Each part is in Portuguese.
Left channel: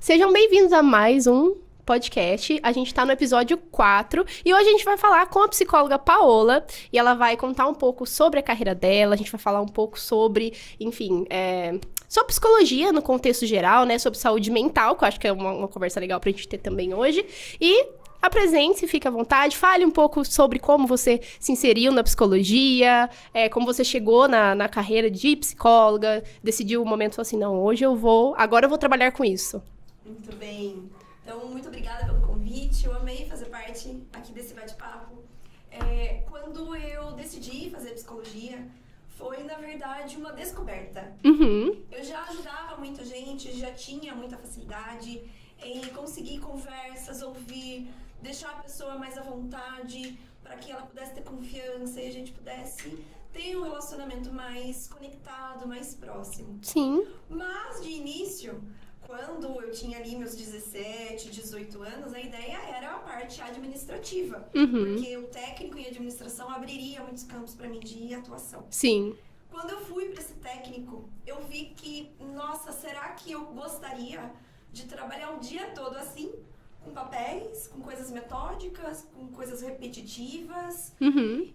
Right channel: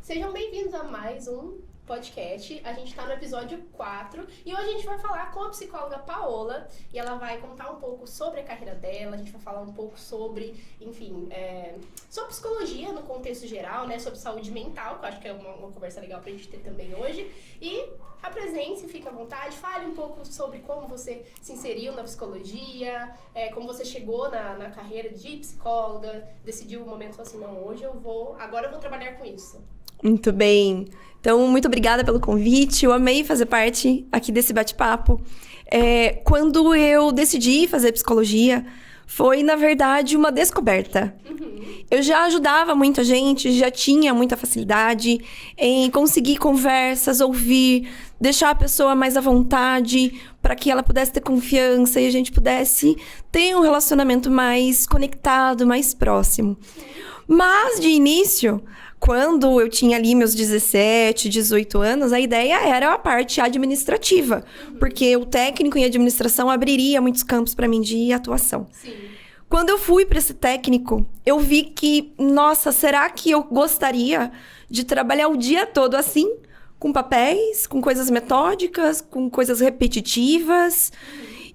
Sejam bem-vindos a mais um podcast. A gente tá no episódio 4 e hoje a gente vai falar com a psicóloga Paola e ela vai contar um pouco sobre a carreira dela, a gente vai falar um pouco sobre, enfim, sobre psicologia no contexto geral, né, sobre saúde mental, que eu acho que é uma conversa legal pra gente ter também hoje. E apresente-se, fique à vontade, fale um pouco sobre como você se inseriu na psicologia, como você chegou na carreira de psicóloga, decidiu o momento assim, não, agora eu vou trabalhar com isso. Muito bem. Então, muito obrigada pelo convite. Eu amei fazer parte aqui desse bate-papo. Quando eu decidi fazer psicologia, foi, na verdade, uma descoberta. Eu já ajudava muita gente, já tinha muita facilidade em conseguir conversas, ouvir, deixar a pessoa mais à vontade, para que ela pudesse ter confiança e a gente pudesse ter um relacionamento mais conectado, mais próximo. Sim. Mas, de início, quando eu tinha ali meus 17, 18 anos, a ideia era a parte administrativa. Porque o técnico em administração abriria muitos campos para mim de atuação. Sim. Quando eu fui para esse técnico, eu vi que, nossa, será que eu gostaria de trabalhar o dia todo assim? Com papéis, com coisas metódicas, com coisas repetitivas.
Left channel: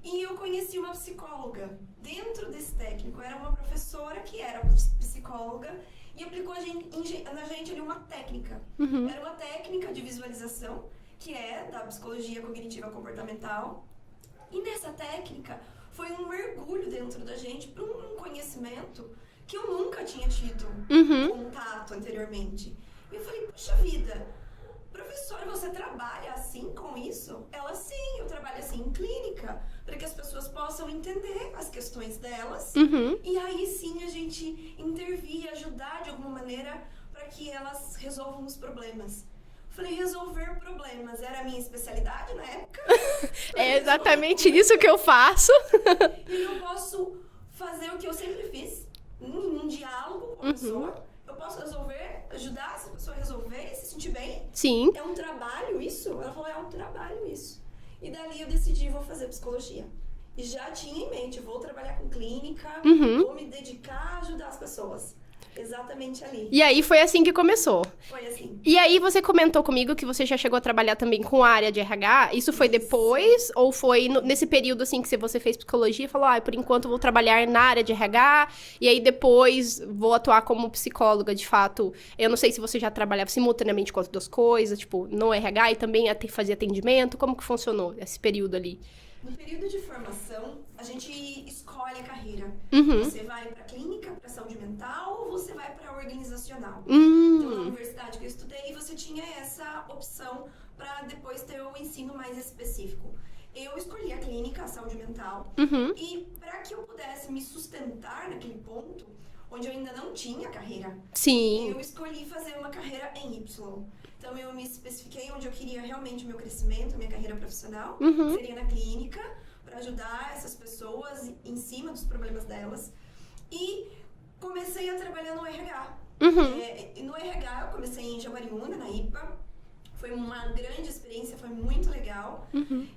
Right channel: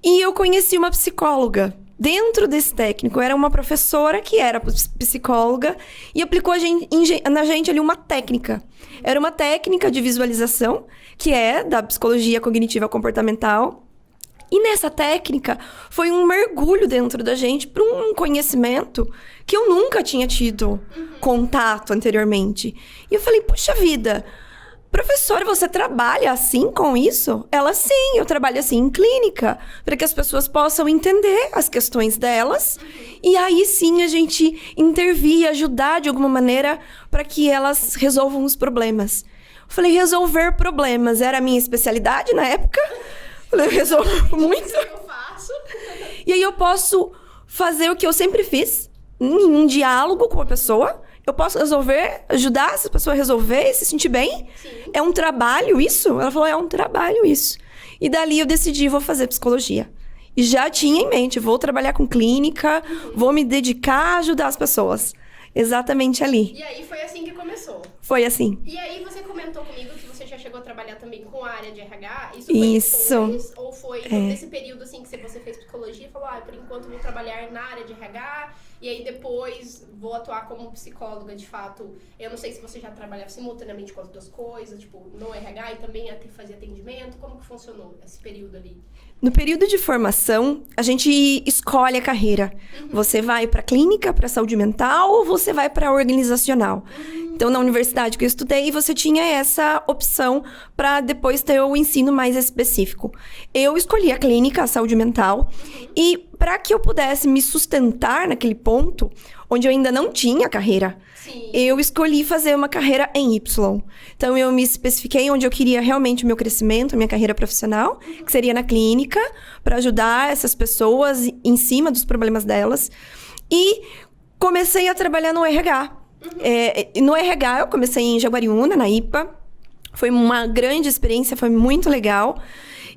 E eu conheci uma psicóloga dentro desse técnico. Era uma professora que era psicóloga e aplicou na gente ali uma técnica. Era uma técnica de visualização, que é da psicologia cognitiva comportamental. E nessa técnica foi um mergulho dentro da gente para um conhecimento que eu nunca tinha tido contato anteriormente. E eu falei, puxa vida, professora, você trabalha assim com isso? Ela, sim, eu trabalho assim em clínica, para que as pessoas possam entender as questões delas. E aí sim a gente intervir, ajudar de alguma maneira para que elas resolvam os problemas. Eu falei, resolver problemas era a minha especialidade na época. É exatamente isso que eu faço. E aí eu posso fazer o que eu sempre fiz, em um diálogo com a pessoa. Eu posso ajudar essa pessoa a resolver e se sentir bem? Sim. É um trabalho isso? Ela falou, é um trabalho isso. E dali eu decidi, vou fazer psicologia. E já tinha em mente, vou trabalhar com clínica, vou me dedicar a ajudar as pessoas. Exatamente ali. E aí foi assim que começou. Foi assim. E aí você comentou comigo que você já chegou a trabalhar também com a área de RH. Isso foi Isso. depois? Ou foi nesse período assim que você fez psicologia e falou, por enquanto vou trabalhar na área de RH e aí depois vou atuar como psicóloga, de fato. Eu não sei se você já trabalhava simultaneamente com as duas coisas, tipo, no RH e também fazer atendimento. Como que funcionou esse período ali? No período de formação, a gente escolhe a carreira. Você vai para clínica, para saúde mental, ou você vai para organizacional. Então, na universidade que eu estudei, você tinha essa opção para depois ter o ensino mais específico. Eu escolhi a clínica, a saúde mental, e para que eu pudesse me sustentar naquele ponto, onde eu ainda não tinha carreira, Sim. eu escolhi fazer uma carreira em Y. Então, eu me especifiquei onde eu queria realmente o meu crescimento, a minha carreira profissional, que seria na clínica, para ajudar essas pessoas em cima dos problemas delas. E comecei a trabalhar no RH. No RH, eu comecei em Jaguariúna, na IPA. Foi uma grande experiência, foi muito legal.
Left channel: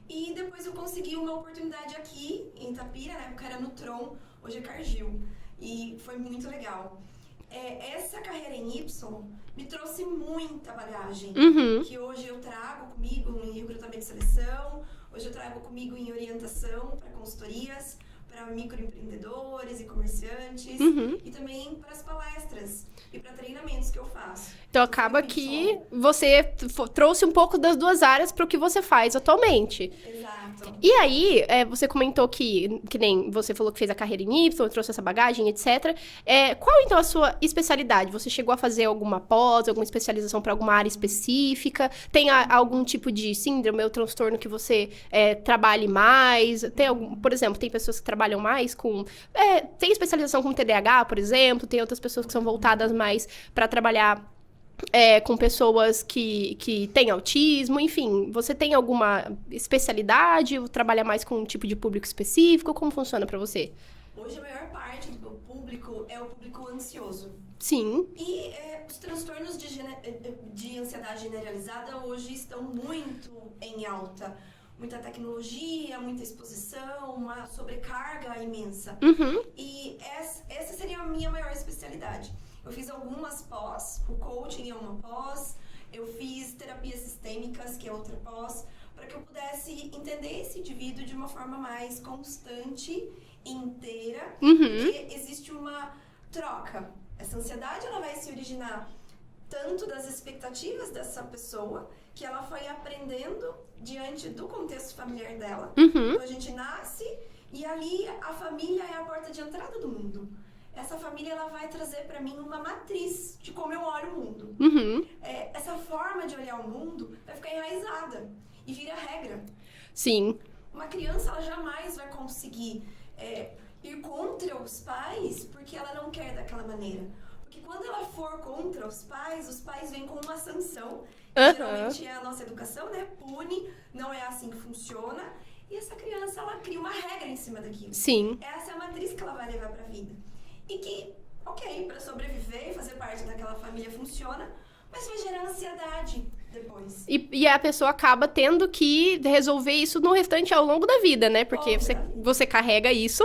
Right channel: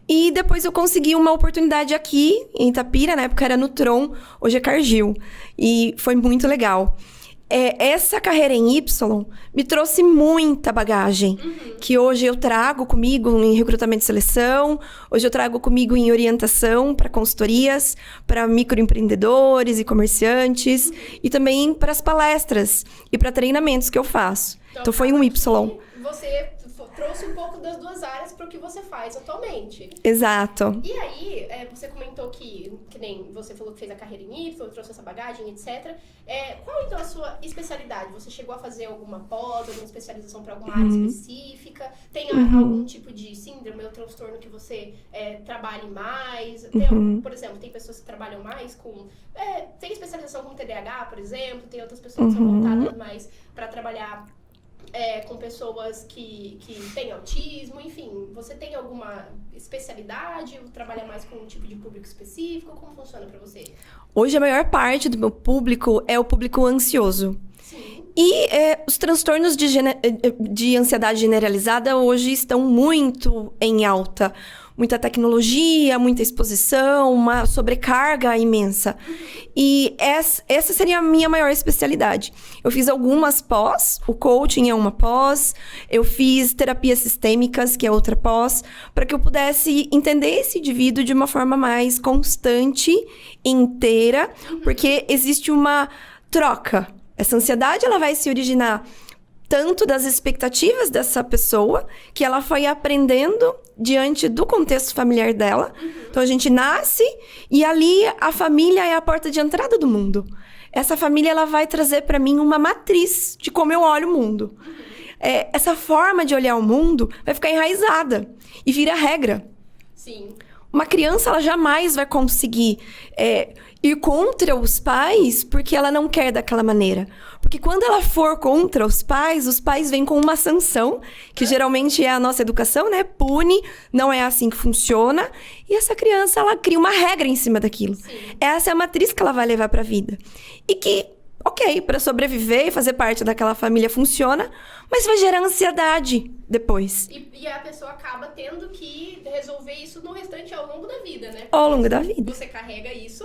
E depois eu consegui uma oportunidade aqui, em Itapira, na época era Nutron, hoje é Cargill. E foi muito legal. Essa carreira em Y me trouxe muita bagagem, que hoje eu trago comigo em recrutamento e seleção, hoje eu trago comigo em orientação para consultorias, para microempreendedores e comerciantes, e também para as palestras e para treinamentos que eu faço. Então foi um Y. Você trouxe um pouco das duas áreas para o que você faz atualmente. Exato. E aí, você comentou que nem você falou que fez a carreira em Y, trouxe essa bagagem, etc. Qual, então, a sua especialidade? Você chegou a fazer alguma pós, alguma especialização para alguma área específica? Tem algum tipo de síndrome ou transtorno que você trabalhe mais? Tem algum, por exemplo, tem pessoas que trabalham mais com... tem especialização com TDAH, por exemplo. Tem outras pessoas que são voltadas mais para trabalhar... com pessoas que têm autismo, enfim. Você tem alguma especialidade? Ou trabalha mais com um tipo de público específico? Como funciona pra você? Hoje, a maior parte do meu público é o público ansioso. Sim. E os transtornos de ansiedade generalizada hoje estão muito em alta. muita tecnologia, muita exposição, uma sobrecarga imensa. E essa seria a minha maior especialidade. Eu fiz algumas pós, o coaching é uma pós, eu fiz terapias sistêmicas, que é outra pós, para que eu pudesse entender esse indivíduo de uma forma mais constante, inteira, porque existe uma troca. Essa ansiedade, ela vai se originar tanto das expectativas dessa pessoa, que ela foi aprendendo diante do contexto familiar dela. Então, a gente nasce e ali a família é a porta de entrada do mundo. Essa família, ela vai trazer para mim uma matriz de como eu olho o mundo. Essa forma de olhar o mundo vai ficar enraizada e vira regra. Sim. Uma criança, ela jamais vai conseguir ir contra os pais porque ela não quer daquela maneira. Porque quando ela for contra os pais vêm com uma sanção, que geralmente é a nossa educação, né? Pune, não é assim que funciona. E essa criança, ela cria uma regra em cima daquilo. Sim. Essa é a matriz que ela vai levar pra vida. E que, ok, para sobreviver e fazer parte daquela família funciona, mas vai gerar ansiedade depois. E a pessoa acaba tendo que resolver isso no restante ao longo da vida, né? Porque ao longo da vida. Você carrega isso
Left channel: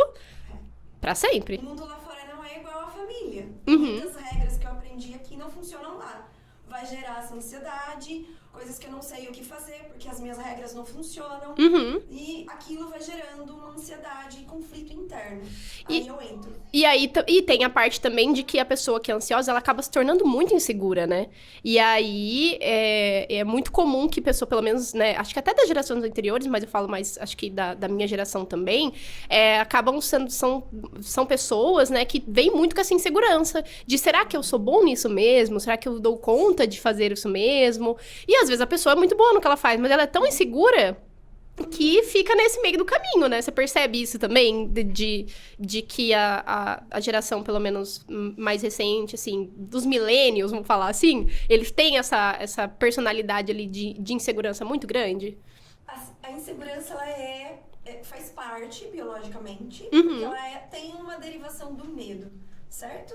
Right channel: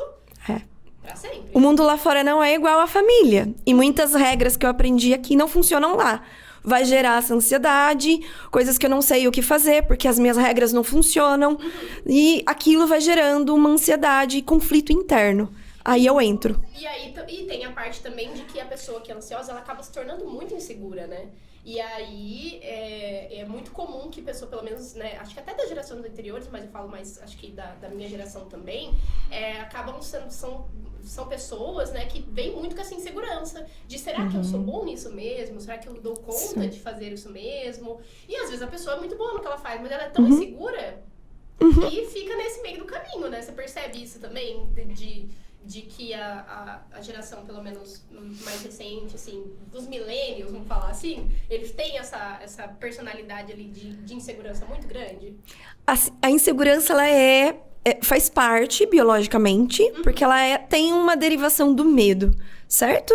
pra sempre. O mundo lá fora não é igual à família. E muitas regras que eu aprendi aqui não funcionam lá. Vai gerar essa ansiedade, coisas que eu não sei o que fazer, porque as minhas regras não funcionam. E aquilo vai gerando uma ansiedade e conflito interno. Aí eu entro. E aí e tem a parte também de que a pessoa que é ansiosa, ela acaba se tornando muito insegura, né? E aí é muito comum que pessoa, pelo menos, né? Acho que até das gerações anteriores, mas eu falo mais, acho que da minha geração também, acabam sendo, são pessoas, né, que vêm muito com essa insegurança de será que eu sou bom nisso mesmo? Será que eu dou conta de fazer isso mesmo? E às vezes a pessoa é muito boa no que ela faz, mas ela é tão insegura que fica nesse meio do caminho, né? Você percebe isso também? De que a geração, pelo menos mais recente, assim, dos millennials, vamos falar assim, eles têm essa personalidade ali de insegurança muito grande? A insegurança, ela faz parte biologicamente, porque ela tem uma derivação do medo, certo?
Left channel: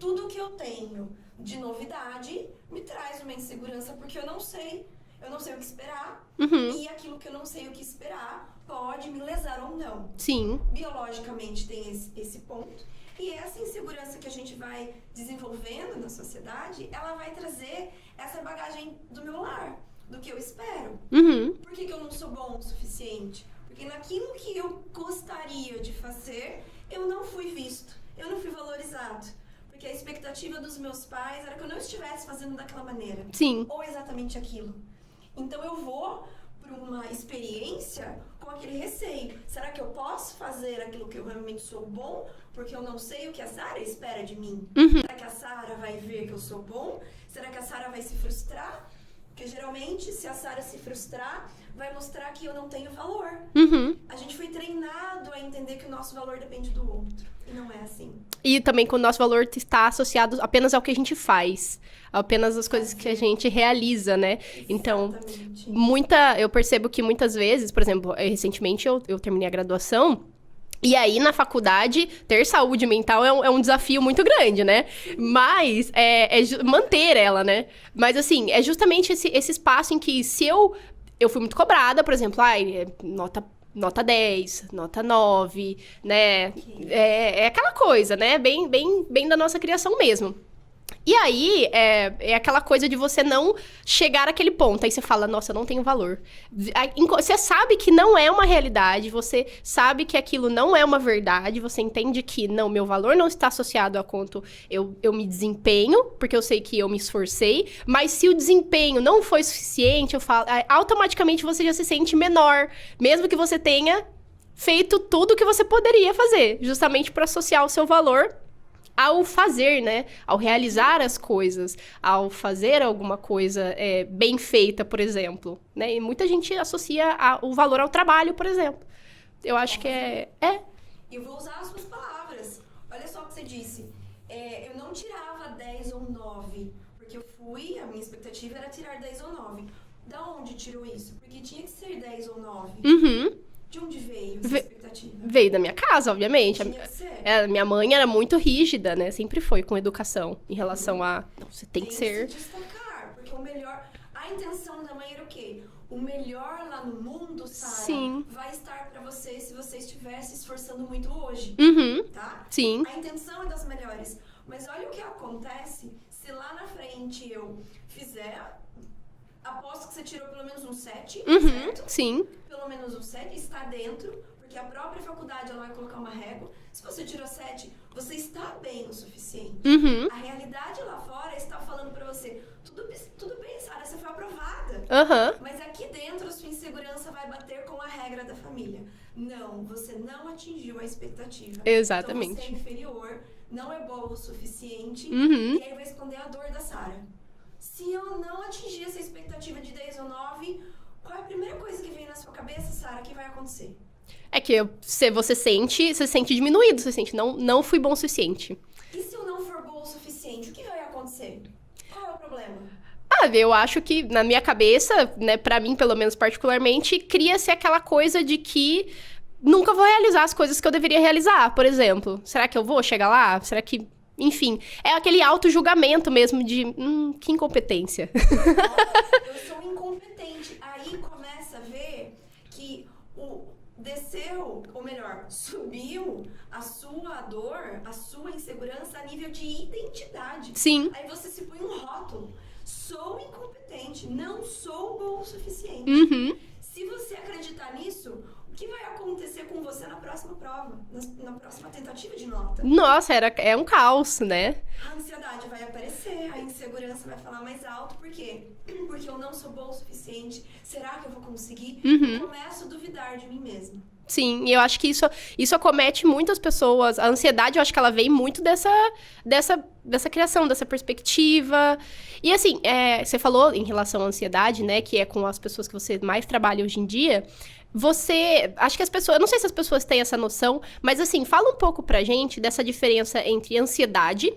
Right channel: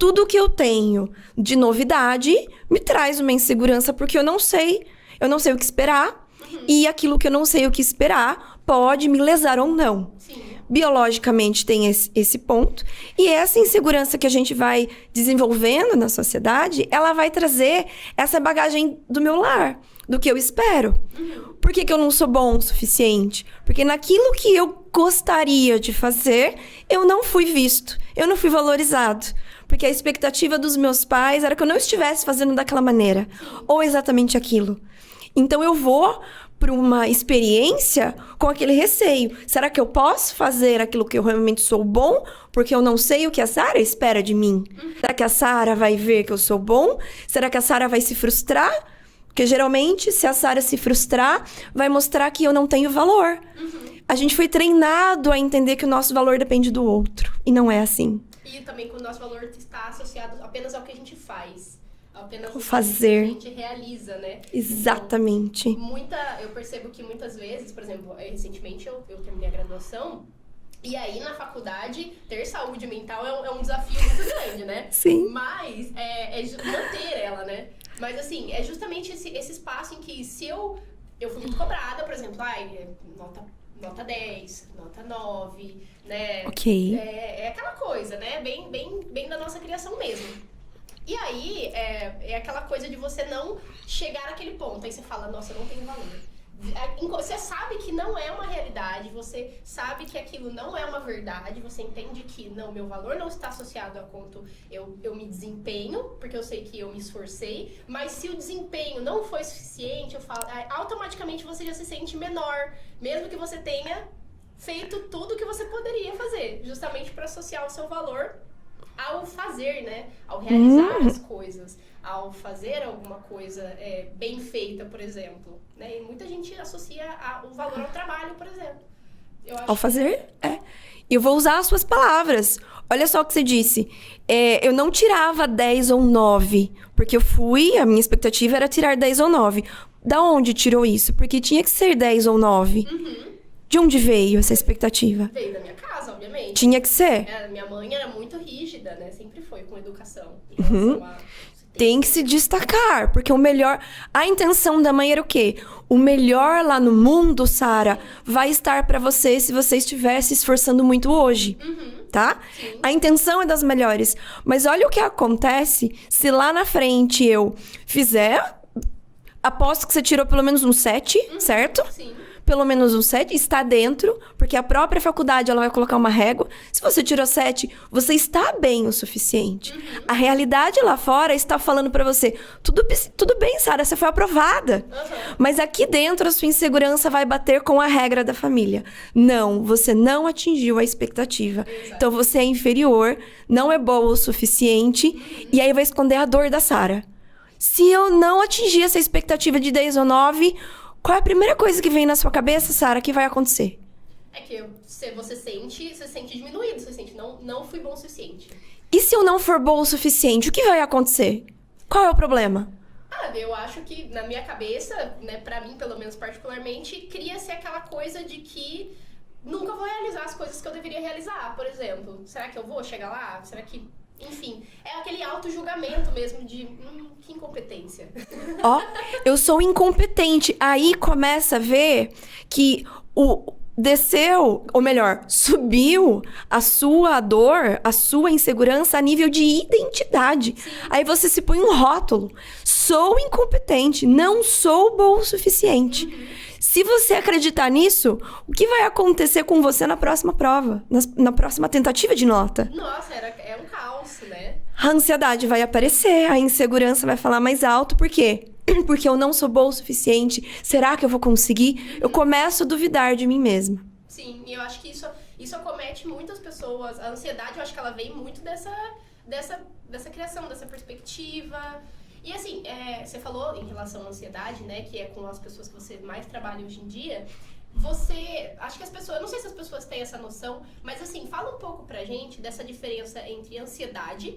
Tudo que eu tenho de novidade me traz uma insegurança, porque eu não sei o que esperar. E aquilo que eu não sei o que esperar pode me lesar ou não. Sim. Biologicamente tem esse ponto. E essa insegurança que a gente vai desenvolvendo na sociedade, ela vai trazer essa bagagem do meu lar, do que eu espero. Por que eu não sou bom o suficiente? Porque naquilo que eu gostaria de fazer, eu não fui visto, eu não fui valorizado. Porque a expectativa dos meus pais era que eu não estivesse fazendo daquela maneira. Sim. Ou exatamente aquilo. Então, eu vou para uma experiência com aquele receio. Será que eu posso fazer aquilo que eu realmente sou bom? Porque eu não sei o que a Sara espera de mim. Será que a Sara vai ver que eu sou bom? Será que a Sara vai se frustrar? Porque, geralmente, se a Sara se frustrar, vai mostrar que eu não tenho valor. A gente foi treinado a entender que o nosso valor depende do outro. E não é assim. E também que o nosso valor está associado apenas ao que a gente faz. Apenas as coisas que a gente realiza, né? Exatamente. Então, eu percebo que muitas vezes, por exemplo, recentemente eu terminei a graduação, e aí na faculdade, ter saúde mental é um desafio muito grande, né? Sim. Mas manter ela, né? Mas assim, é justamente esse espaço em que se eu fui muito cobrada, por exemplo, nota 10, nota 9, né? Ok. É aquela coisa, né? Bem da nossa criação mesmo. E aí, é aquela coisa de você não chegar àquele ponto. Aí você fala, nossa, eu não tenho valor. Você sabe que não é uma realidade, você sabe que aquilo não é uma verdade, você entende que, não, meu valor não está associado a quanto eu me desempenho, porque eu sei que eu me esforcei, mas se o desempenho não foi suficiente, automaticamente você já se sente menor, mesmo que você tenha feito tudo o que você poderia fazer, justamente para associar o seu valor ao fazer, né? Ao realizar as coisas, ao fazer alguma coisa bem feita, por exemplo, né? E muita gente associa o valor ao trabalho, por exemplo. Eu acho ao fazer, Eu vou usar as suas palavras. Olha só o que você disse. Eu não tirava 10 ou 9, porque a minha expectativa era tirar 10 ou 9. Da onde tirou isso? Porque tinha que ser 10 ou 9. De onde veio essa expectativa? Veio da minha casa, obviamente. Tinha que ser. Minha mãe era muito rígida, né? Sempre foi com educação em relação a... Você Tem que se destacar, porque o melhor... A intenção da mãe era o quê? O melhor lá no mundo, Sara, vai estar pra você se você estiver se esforçando muito hoje, tá? Sim. A intenção é das melhores. Mas olha o que acontece se lá na frente eu fizer... Aposto que você tirou pelo menos um 7, certo? Sim. Pelo menos um 7, está dentro, porque a própria faculdade ela vai colocar uma régua. Se você tirou 7, você está bem o suficiente. A realidade lá fora está falando pra você, tudo bem, Sara, você foi aprovada. Mas aqui dentro a sua insegurança vai bater com a regra da família. Não, você não atingiu a expectativa. Exatamente. Então você é inferior, não é boa o suficiente, e aí vai esconder a dor da Sara. Se eu não atingir essa expectativa de 10 ou 9, qual é a primeira coisa que vem na sua cabeça, Sara, que vai acontecer? É que você sente diminuído, você sente, não fui bom o suficiente. E se eu não for boa o suficiente, o que vai acontecer? Qual é o problema? Eu acho que, na minha cabeça, né, pra mim, pelo menos particularmente, cria-se aquela coisa de que nunca vou realizar as coisas que eu deveria realizar, por exemplo. Será que eu vou chegar lá? Será que... Enfim, é aquele auto-julgamento mesmo de... que incompetência. Eu sou incompetente. Aí começa a ver que desceu, ou melhor, subiu a sua dor, a sua insegurança a nível de identidade. Sim. Aí você se põe um rótulo. Sou incompetente, não sou bom o suficiente. Se você acreditar nisso, o que vai acontecer com você na próxima prova? Na próxima tentativa de nota? Nossa, é um caos, né? A ansiedade vai aparecer, a insegurança vai falar mais alto. Por quê? Porque eu não sou boa o suficiente. Será que eu vou conseguir? Eu começo a duvidar de mim mesma. Sim, e eu acho que isso acomete muitas pessoas. A ansiedade, eu acho que ela vem muito dessa criação, dessa perspectiva. E assim, você falou em relação à ansiedade, né? Que é com as pessoas que você mais trabalha hoje em dia. Acho que as pessoas... Eu não sei se as pessoas têm essa noção, mas assim, fala um pouco pra gente dessa diferença entre ansiedade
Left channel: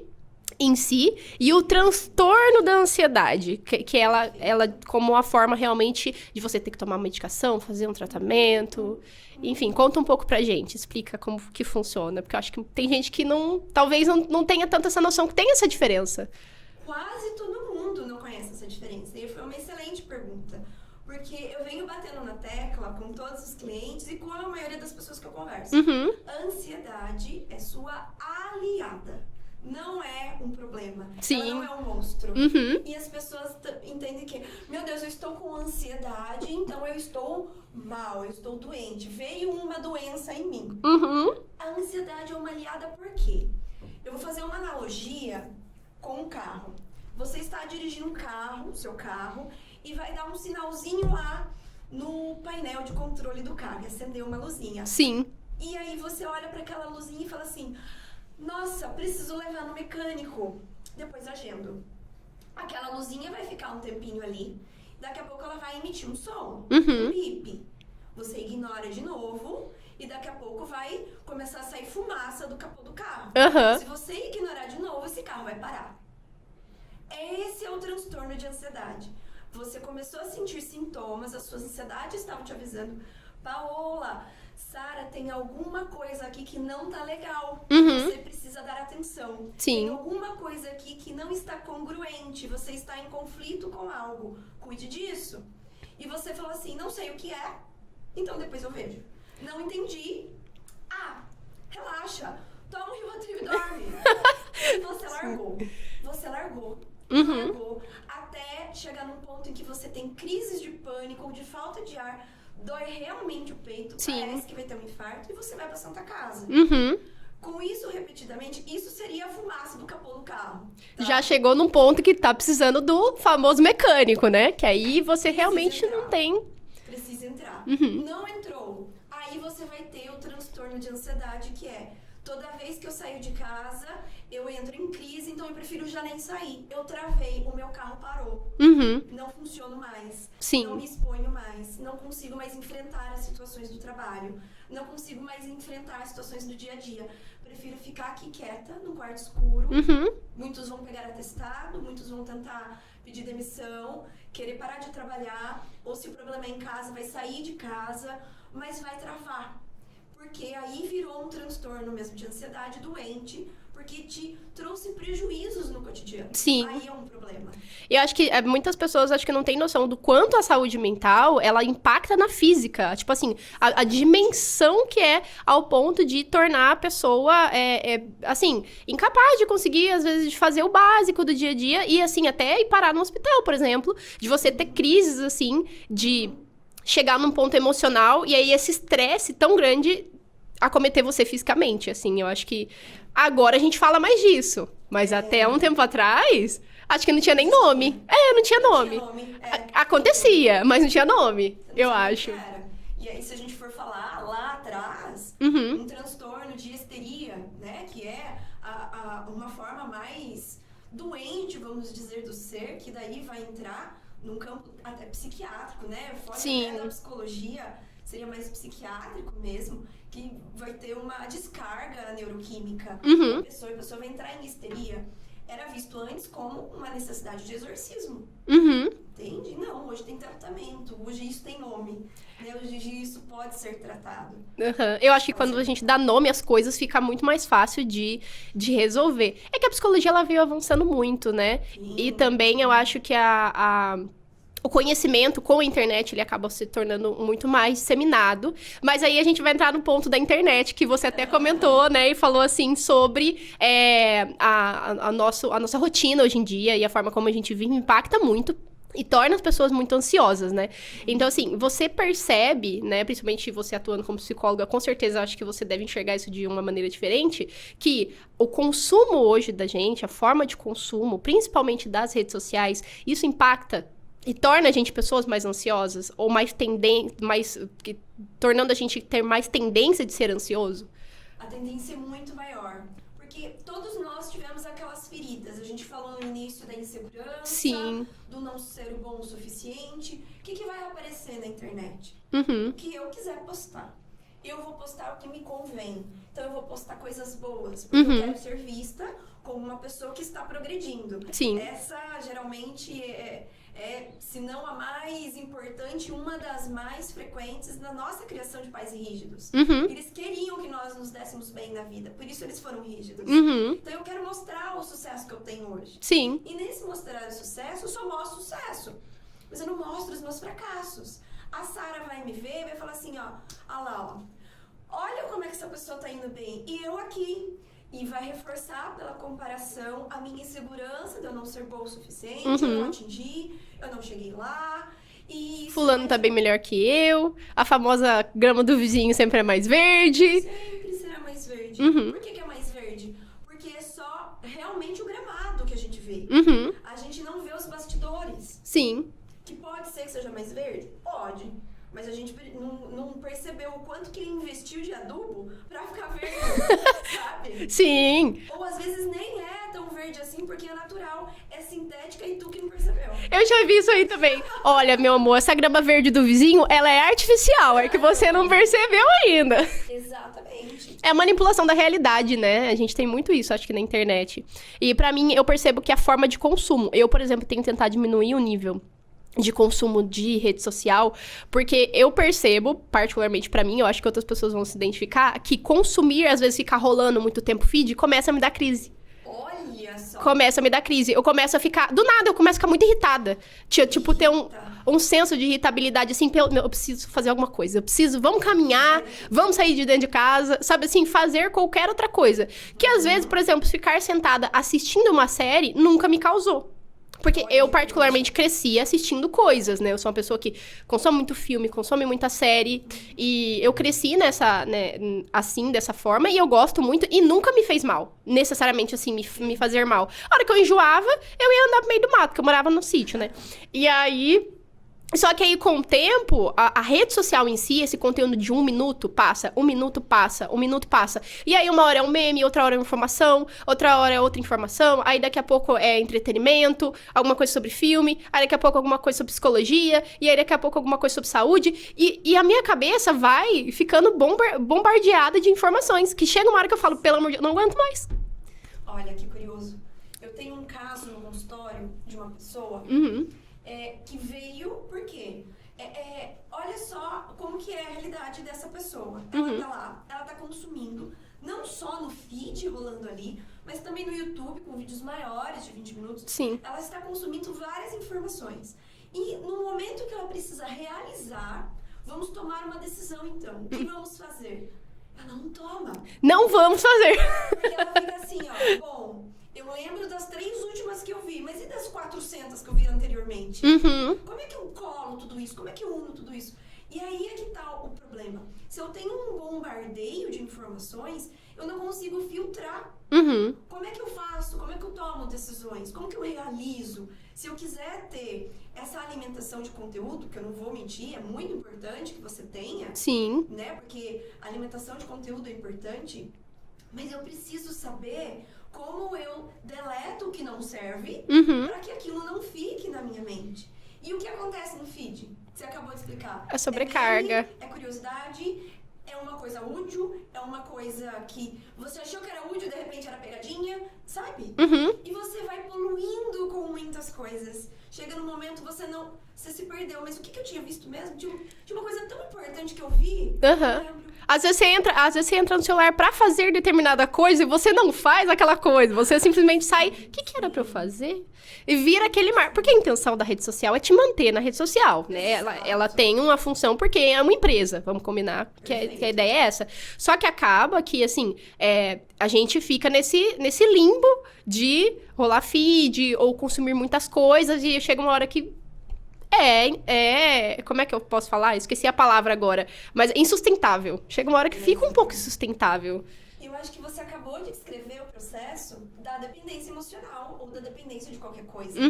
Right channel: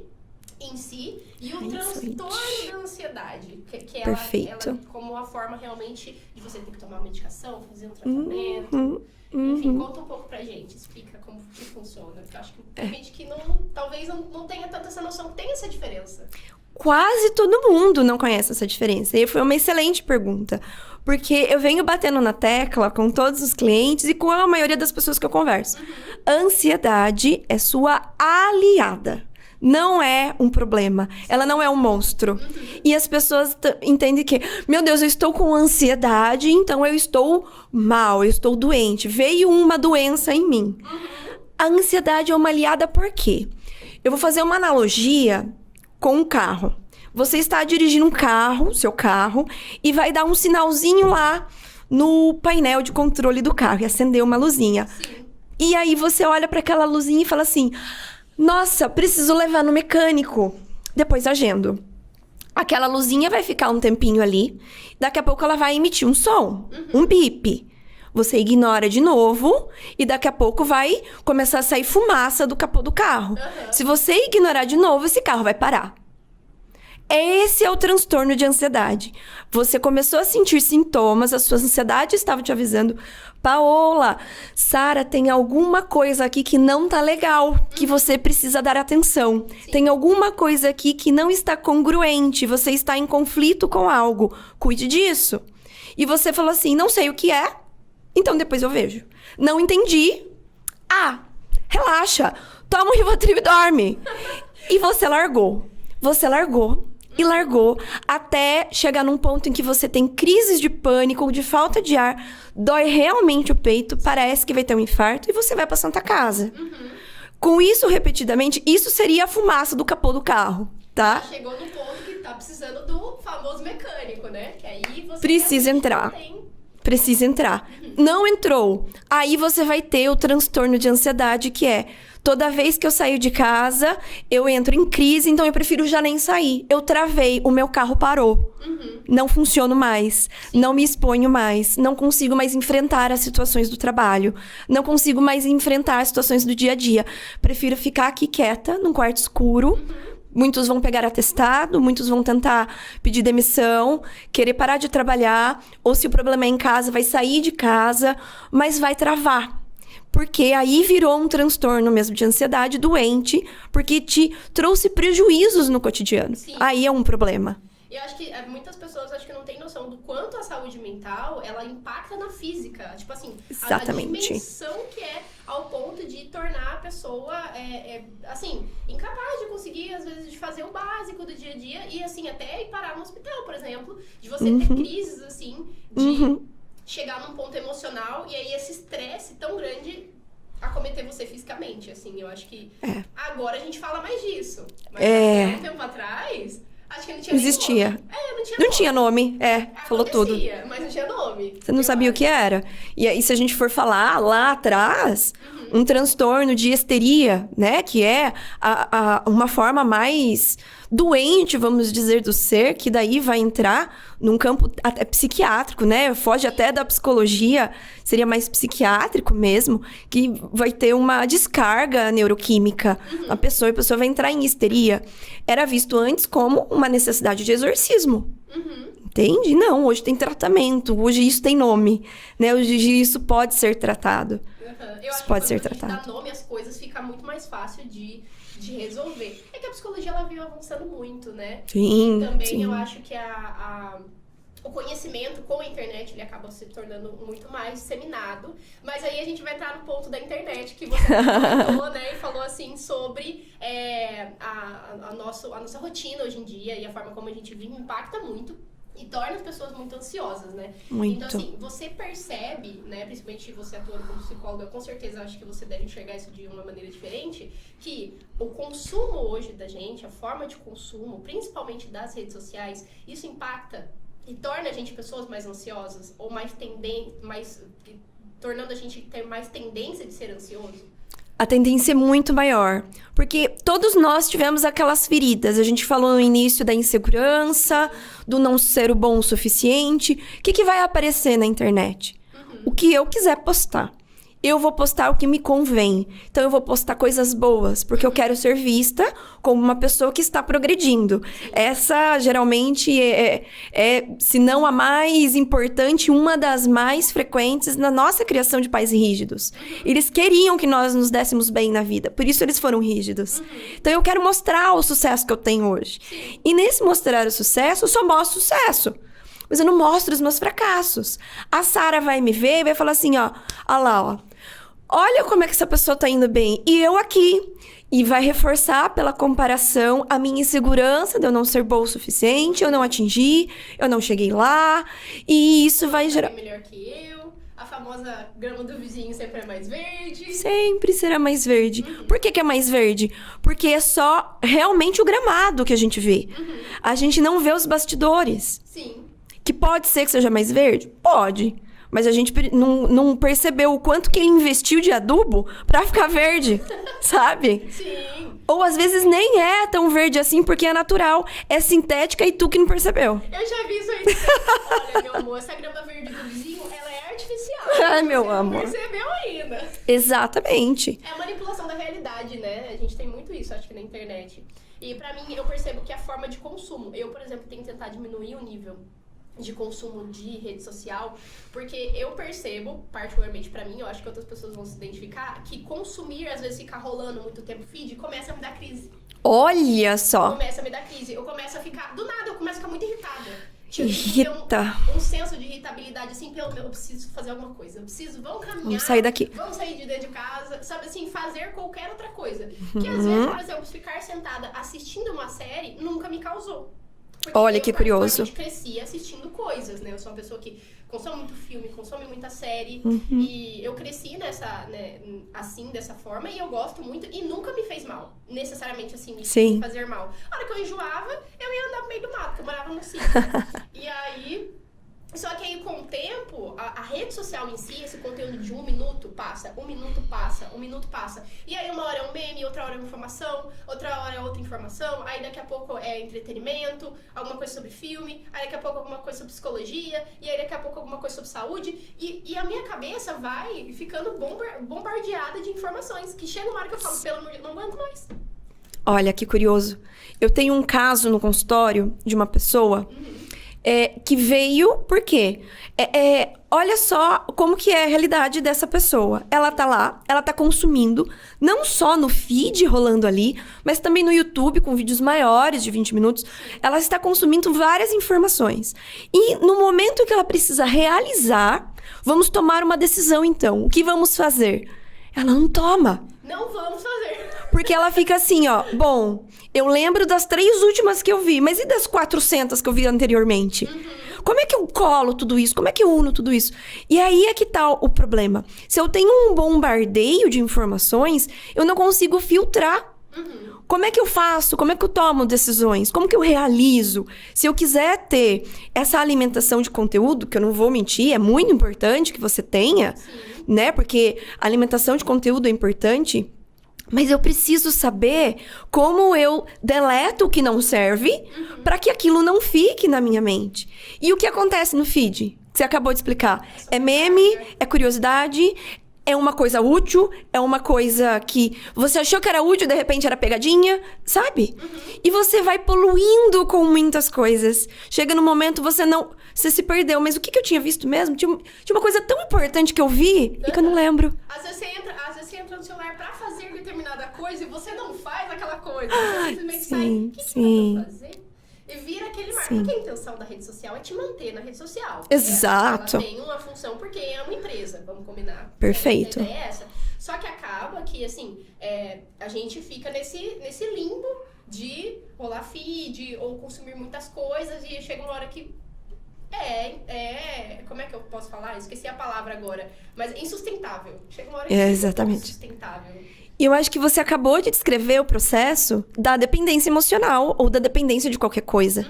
em si e o transtorno da ansiedade, que ela como uma forma realmente de você ter que tomar uma medicação, fazer um tratamento, enfim, conta um pouco pra gente, explica como que funciona, porque eu acho que tem gente que talvez não tenha tanto essa noção que tem essa diferença. Quase todo mundo não conhece essa diferença, e foi uma excelente pergunta, porque eu venho batendo na tecla com todos os clientes e com a maioria das pessoas que eu converso. A ansiedade é sua aliada. Não é um problema. Sim. Ela não é um monstro. E as pessoas entendem que, meu Deus, eu estou com ansiedade, então eu estou mal, eu estou doente. Veio uma doença em mim. A ansiedade é uma aliada por quê? Eu vou fazer uma analogia com um carro. Você está dirigindo um carro, seu carro, e vai dar um sinalzinho lá no painel de controle do carro e acender uma luzinha. Sim. E aí você olha para aquela luzinha e fala assim... Nossa, preciso levar no mecânico. Depois agendo. Aquela luzinha vai ficar um tempinho ali. Daqui a pouco ela vai emitir um som. Um bip. Você ignora de novo. E daqui a pouco vai começar a sair fumaça do capô do carro. Se você ignorar de novo, esse carro vai parar. Esse é o transtorno de ansiedade. Você começou a sentir sintomas, a sua ansiedade estava te avisando... Paola, Sara, tem alguma coisa aqui que não tá legal, que você precisa dar atenção. Sim. Tem alguma coisa aqui que não está congruente, você está em conflito com algo. Cuide disso. E você falou assim, não sei o que é, então depois eu vejo. Não entendi. Relaxa, toma um Rivotril e dorme. E você largou. Você largou. E largou, até chegar num ponto em que você tem crises de pânico ou de falta de ar, dói realmente o peito, parece que vai ter um infarto e você vai pra Santa Casa. Com isso, repetidamente, isso seria a fumaça do capô do carro, tá? Já chegou num ponto que tá precisando do famoso mecânico, né? Que aí você realmente não tem... Precisa entrar. Não entrou. Aí você vai ter o transtorno de ansiedade, que é... Toda vez que eu saio de casa, eu entro em crise, então eu prefiro já nem sair. Eu travei, o meu carro parou. Não funciono mais. Sim. Não me exponho mais. Não consigo mais enfrentar as situações do trabalho. Não consigo mais enfrentar as situações do dia a dia. Prefiro ficar aqui quieta, num quarto escuro. Muitos vão pegar atestado, muitos vão tentar pedir demissão, querer parar de trabalhar. Ou se o problema é em casa, vai sair de casa, mas vai travar. Porque aí virou um transtorno mesmo de ansiedade doente, porque te trouxe prejuízos no cotidiano. Sim. Aí é um problema. Eu acho que muitas pessoas acho que não têm noção do quanto a saúde mental, ela impacta na física. Tipo assim, a dimensão que é ao ponto de tornar a pessoa, assim, incapaz de conseguir, às vezes, de fazer o básico do dia a dia. E, assim, até ir parar no hospital, por exemplo. De você ter crises, assim, de... chegar num ponto emocional e aí esse estresse tão grande acometer você fisicamente, assim. Eu acho que agora a gente fala mais disso. Mas até um tempo atrás, acho que não tinha nem nome. Não tinha nome. Não tinha nome, acontecia, mas não tinha nome. Você não sabia o que era. E aí, se a gente for falar lá atrás, um transtorno de histeria, né? Que é uma forma mais doente, vamos dizer, do ser, que daí vai entrar num campo até psiquiátrico, né? Foge até da psicologia, seria mais psiquiátrico mesmo, que vai ter uma descarga neuroquímica na pessoa, e a pessoa vai entrar em histeria. Era visto antes como uma necessidade de exorcismo. Entende? Não, hoje tem tratamento, hoje isso tem nome, né? Hoje isso pode ser tratado. Eu acho que quando a gente dá nome às coisas, fica muito mais fácil de resolver. É que a psicologia, ela veio avançando muito, né? Sim, e também eu acho que o conhecimento com a internet, ele acaba se tornando muito mais disseminado. Mas aí a gente vai entrar no ponto da internet, que você até comentou, né? E falou, assim, sobre a nossa rotina hoje em dia e a forma como a gente vive impacta muito. E torna as pessoas muito ansiosas, né? Muito. Então, assim, você percebe, né? Principalmente você atuando como psicóloga, com certeza acho que você deve enxergar isso de uma maneira diferente. Que o consumo hoje da gente, a forma de consumo, principalmente das redes sociais, isso impacta e torna a gente pessoas mais ansiosas? Ou tornando a gente ter mais tendência de ser ansioso? A tendência é muito maior. Porque todos nós tivemos aquelas feridas. A gente falou no início da insegurança, do não ser o bom o suficiente. O que vai aparecer na internet? O que eu quiser postar. Eu vou postar o que me convém. Então, eu vou postar coisas boas, porque eu quero ser vista como uma pessoa que está progredindo. Sim. Essa, geralmente, se não a mais importante, uma das mais frequentes na nossa criação de pais rígidos. Eles queriam que nós nos dessemos bem na vida, por isso eles foram rígidos. Então, eu quero mostrar o sucesso que eu tenho hoje. Sim. E nesse mostrar o sucesso, eu só mostro o sucesso. Mas eu não mostro os meus fracassos. A Sara vai me ver e vai falar assim, ó lá, ó. Olha como é que essa pessoa tá indo bem. E eu aqui. E vai reforçar pela comparação a minha insegurança de eu não ser boa o suficiente, eu não atingi, eu não cheguei lá. E isso Fulano vai tá bem melhor que eu. A famosa grama do vizinho sempre é mais verde. Sempre será mais verde. Por que é mais verde? Porque é só realmente o gramado que a gente vê. A gente não vê os bastidores. Sim. Que pode ser que seja mais verde? Pode. Mas a gente não percebeu o quanto que ele investiu de adubo pra ficar verde, sabe? Sim. Ou às vezes nem é tão verde assim, porque é natural. É sintética e tu que não percebeu. Eu já vi isso aí também. Olha, meu amor, essa grama verde do vizinho, ela é artificial. É que você não percebeu ainda. Exatamente. É a manipulação da realidade, né? A gente tem muito isso, acho que na internet. E pra mim, eu percebo que a forma de consumo... Eu, por exemplo, tenho tentado diminuir o nível de consumo de rede social, porque eu percebo, particularmente pra mim, eu acho que outras pessoas vão se identificar, que consumir, às vezes, ficar rolando muito tempo feed, começa a me dar crise. Olha só! Começa a me dar crise. Eu começo a ficar... Do nada, eu começo a ficar muito irritada. Tipo, ter um senso de irritabilidade, assim, eu preciso fazer alguma coisa. Vamos caminhar. Vamos sair daqui. Vamos sair de dentro de casa. Sabe, assim, fazer qualquer outra coisa. Que, às vezes, por exemplo, ficar sentada assistindo uma série nunca me causou. Porque Olha, eu, particularmente, curioso. cresci assistindo coisas, né? Eu sou uma pessoa que consome muito filme, consome muita série. E eu cresci assim, dessa forma. E eu gosto muito. E nunca me fez mal. Necessariamente, assim, me fazer mal. A hora que eu enjoava, eu ia andar pro meio do mato, porque eu morava no sítio, né? E aí... Só que aí, com o tempo, a rede social em si, esse conteúdo de 1 minuto passa, 1 minuto passa, 1 minuto passa. E aí, uma hora é um meme, outra hora é uma informação, outra hora é outra informação. Aí, daqui a pouco é entretenimento, alguma coisa sobre filme. Aí, daqui a pouco, alguma coisa sobre psicologia. E aí, daqui a pouco, alguma coisa sobre saúde. E a minha cabeça vai ficando bombardeada de informações. Que chega uma hora que eu falo, pelo amor de Deus, não aguento mais. Olha, que curioso. Eu tenho um caso no consultório de uma pessoa... que veio, por quê? Olha só como que é a realidade dessa pessoa. Ela tá lá, ela tá consumindo, não só no feed rolando ali, mas também no YouTube, com vídeos maiores de 20 minutos. Sim. Ela está consumindo várias informações. E no momento que ela precisa realizar, vamos tomar uma decisão, então. O que vamos fazer? Ela não toma. Não vamos fazer. Porque ela fica assim, ó. Bom, eu lembro das 3 últimas que eu vi. Mas e das 400 que eu vi anteriormente? Como é que eu colo tudo isso? Como é que eu uno tudo isso? E aí é que tá o problema. Se eu tenho um bombardeio de informações, eu não consigo filtrar. Como é que eu faço? Como é que eu tomo decisões? Como que eu realizo? Se eu quiser ter essa alimentação de conteúdo, que eu não vou mentir, é muito importante que você tenha, Sim. né? Porque a alimentação de conteúdo é importante, mas eu preciso saber como eu deleto o que não serve para que aquilo não fique na minha mente. E o que acontece no feed? Que você acabou de explicar. É meme, é curiosidade, é uma coisa útil, é uma coisa que você achou que era útil, de repente era pegadinha, sabe? E você vai poluindo com muitas coisas. Chega no momento, você se perdeu. Mas o que eu tinha visto mesmo? Tinha uma coisa tão importante que eu vi, que eu não lembro. Às vezes você entra no celular pra fazer determinada coisa e você não faz aquela coisa. Você simplesmente sai, o que era pra eu fazer? E vira aquele mar. Porque a intenção da rede social é te manter na rede social. Né? Exato. Ela tem uma função porque é uma empresa, vamos combinar. Perfeito. Que a ideia é essa. Só que acaba que, assim, a gente fica nesse limbo de rolar feed ou consumir muitas coisas e chega uma hora que como é que eu posso falar? Esqueci a palavra agora. Mas é insustentável. Chega uma hora que fica um pouco insustentável. E eu acho que você acabou de descrever o processo da dependência emocional ou da dependência de qualquer coisa.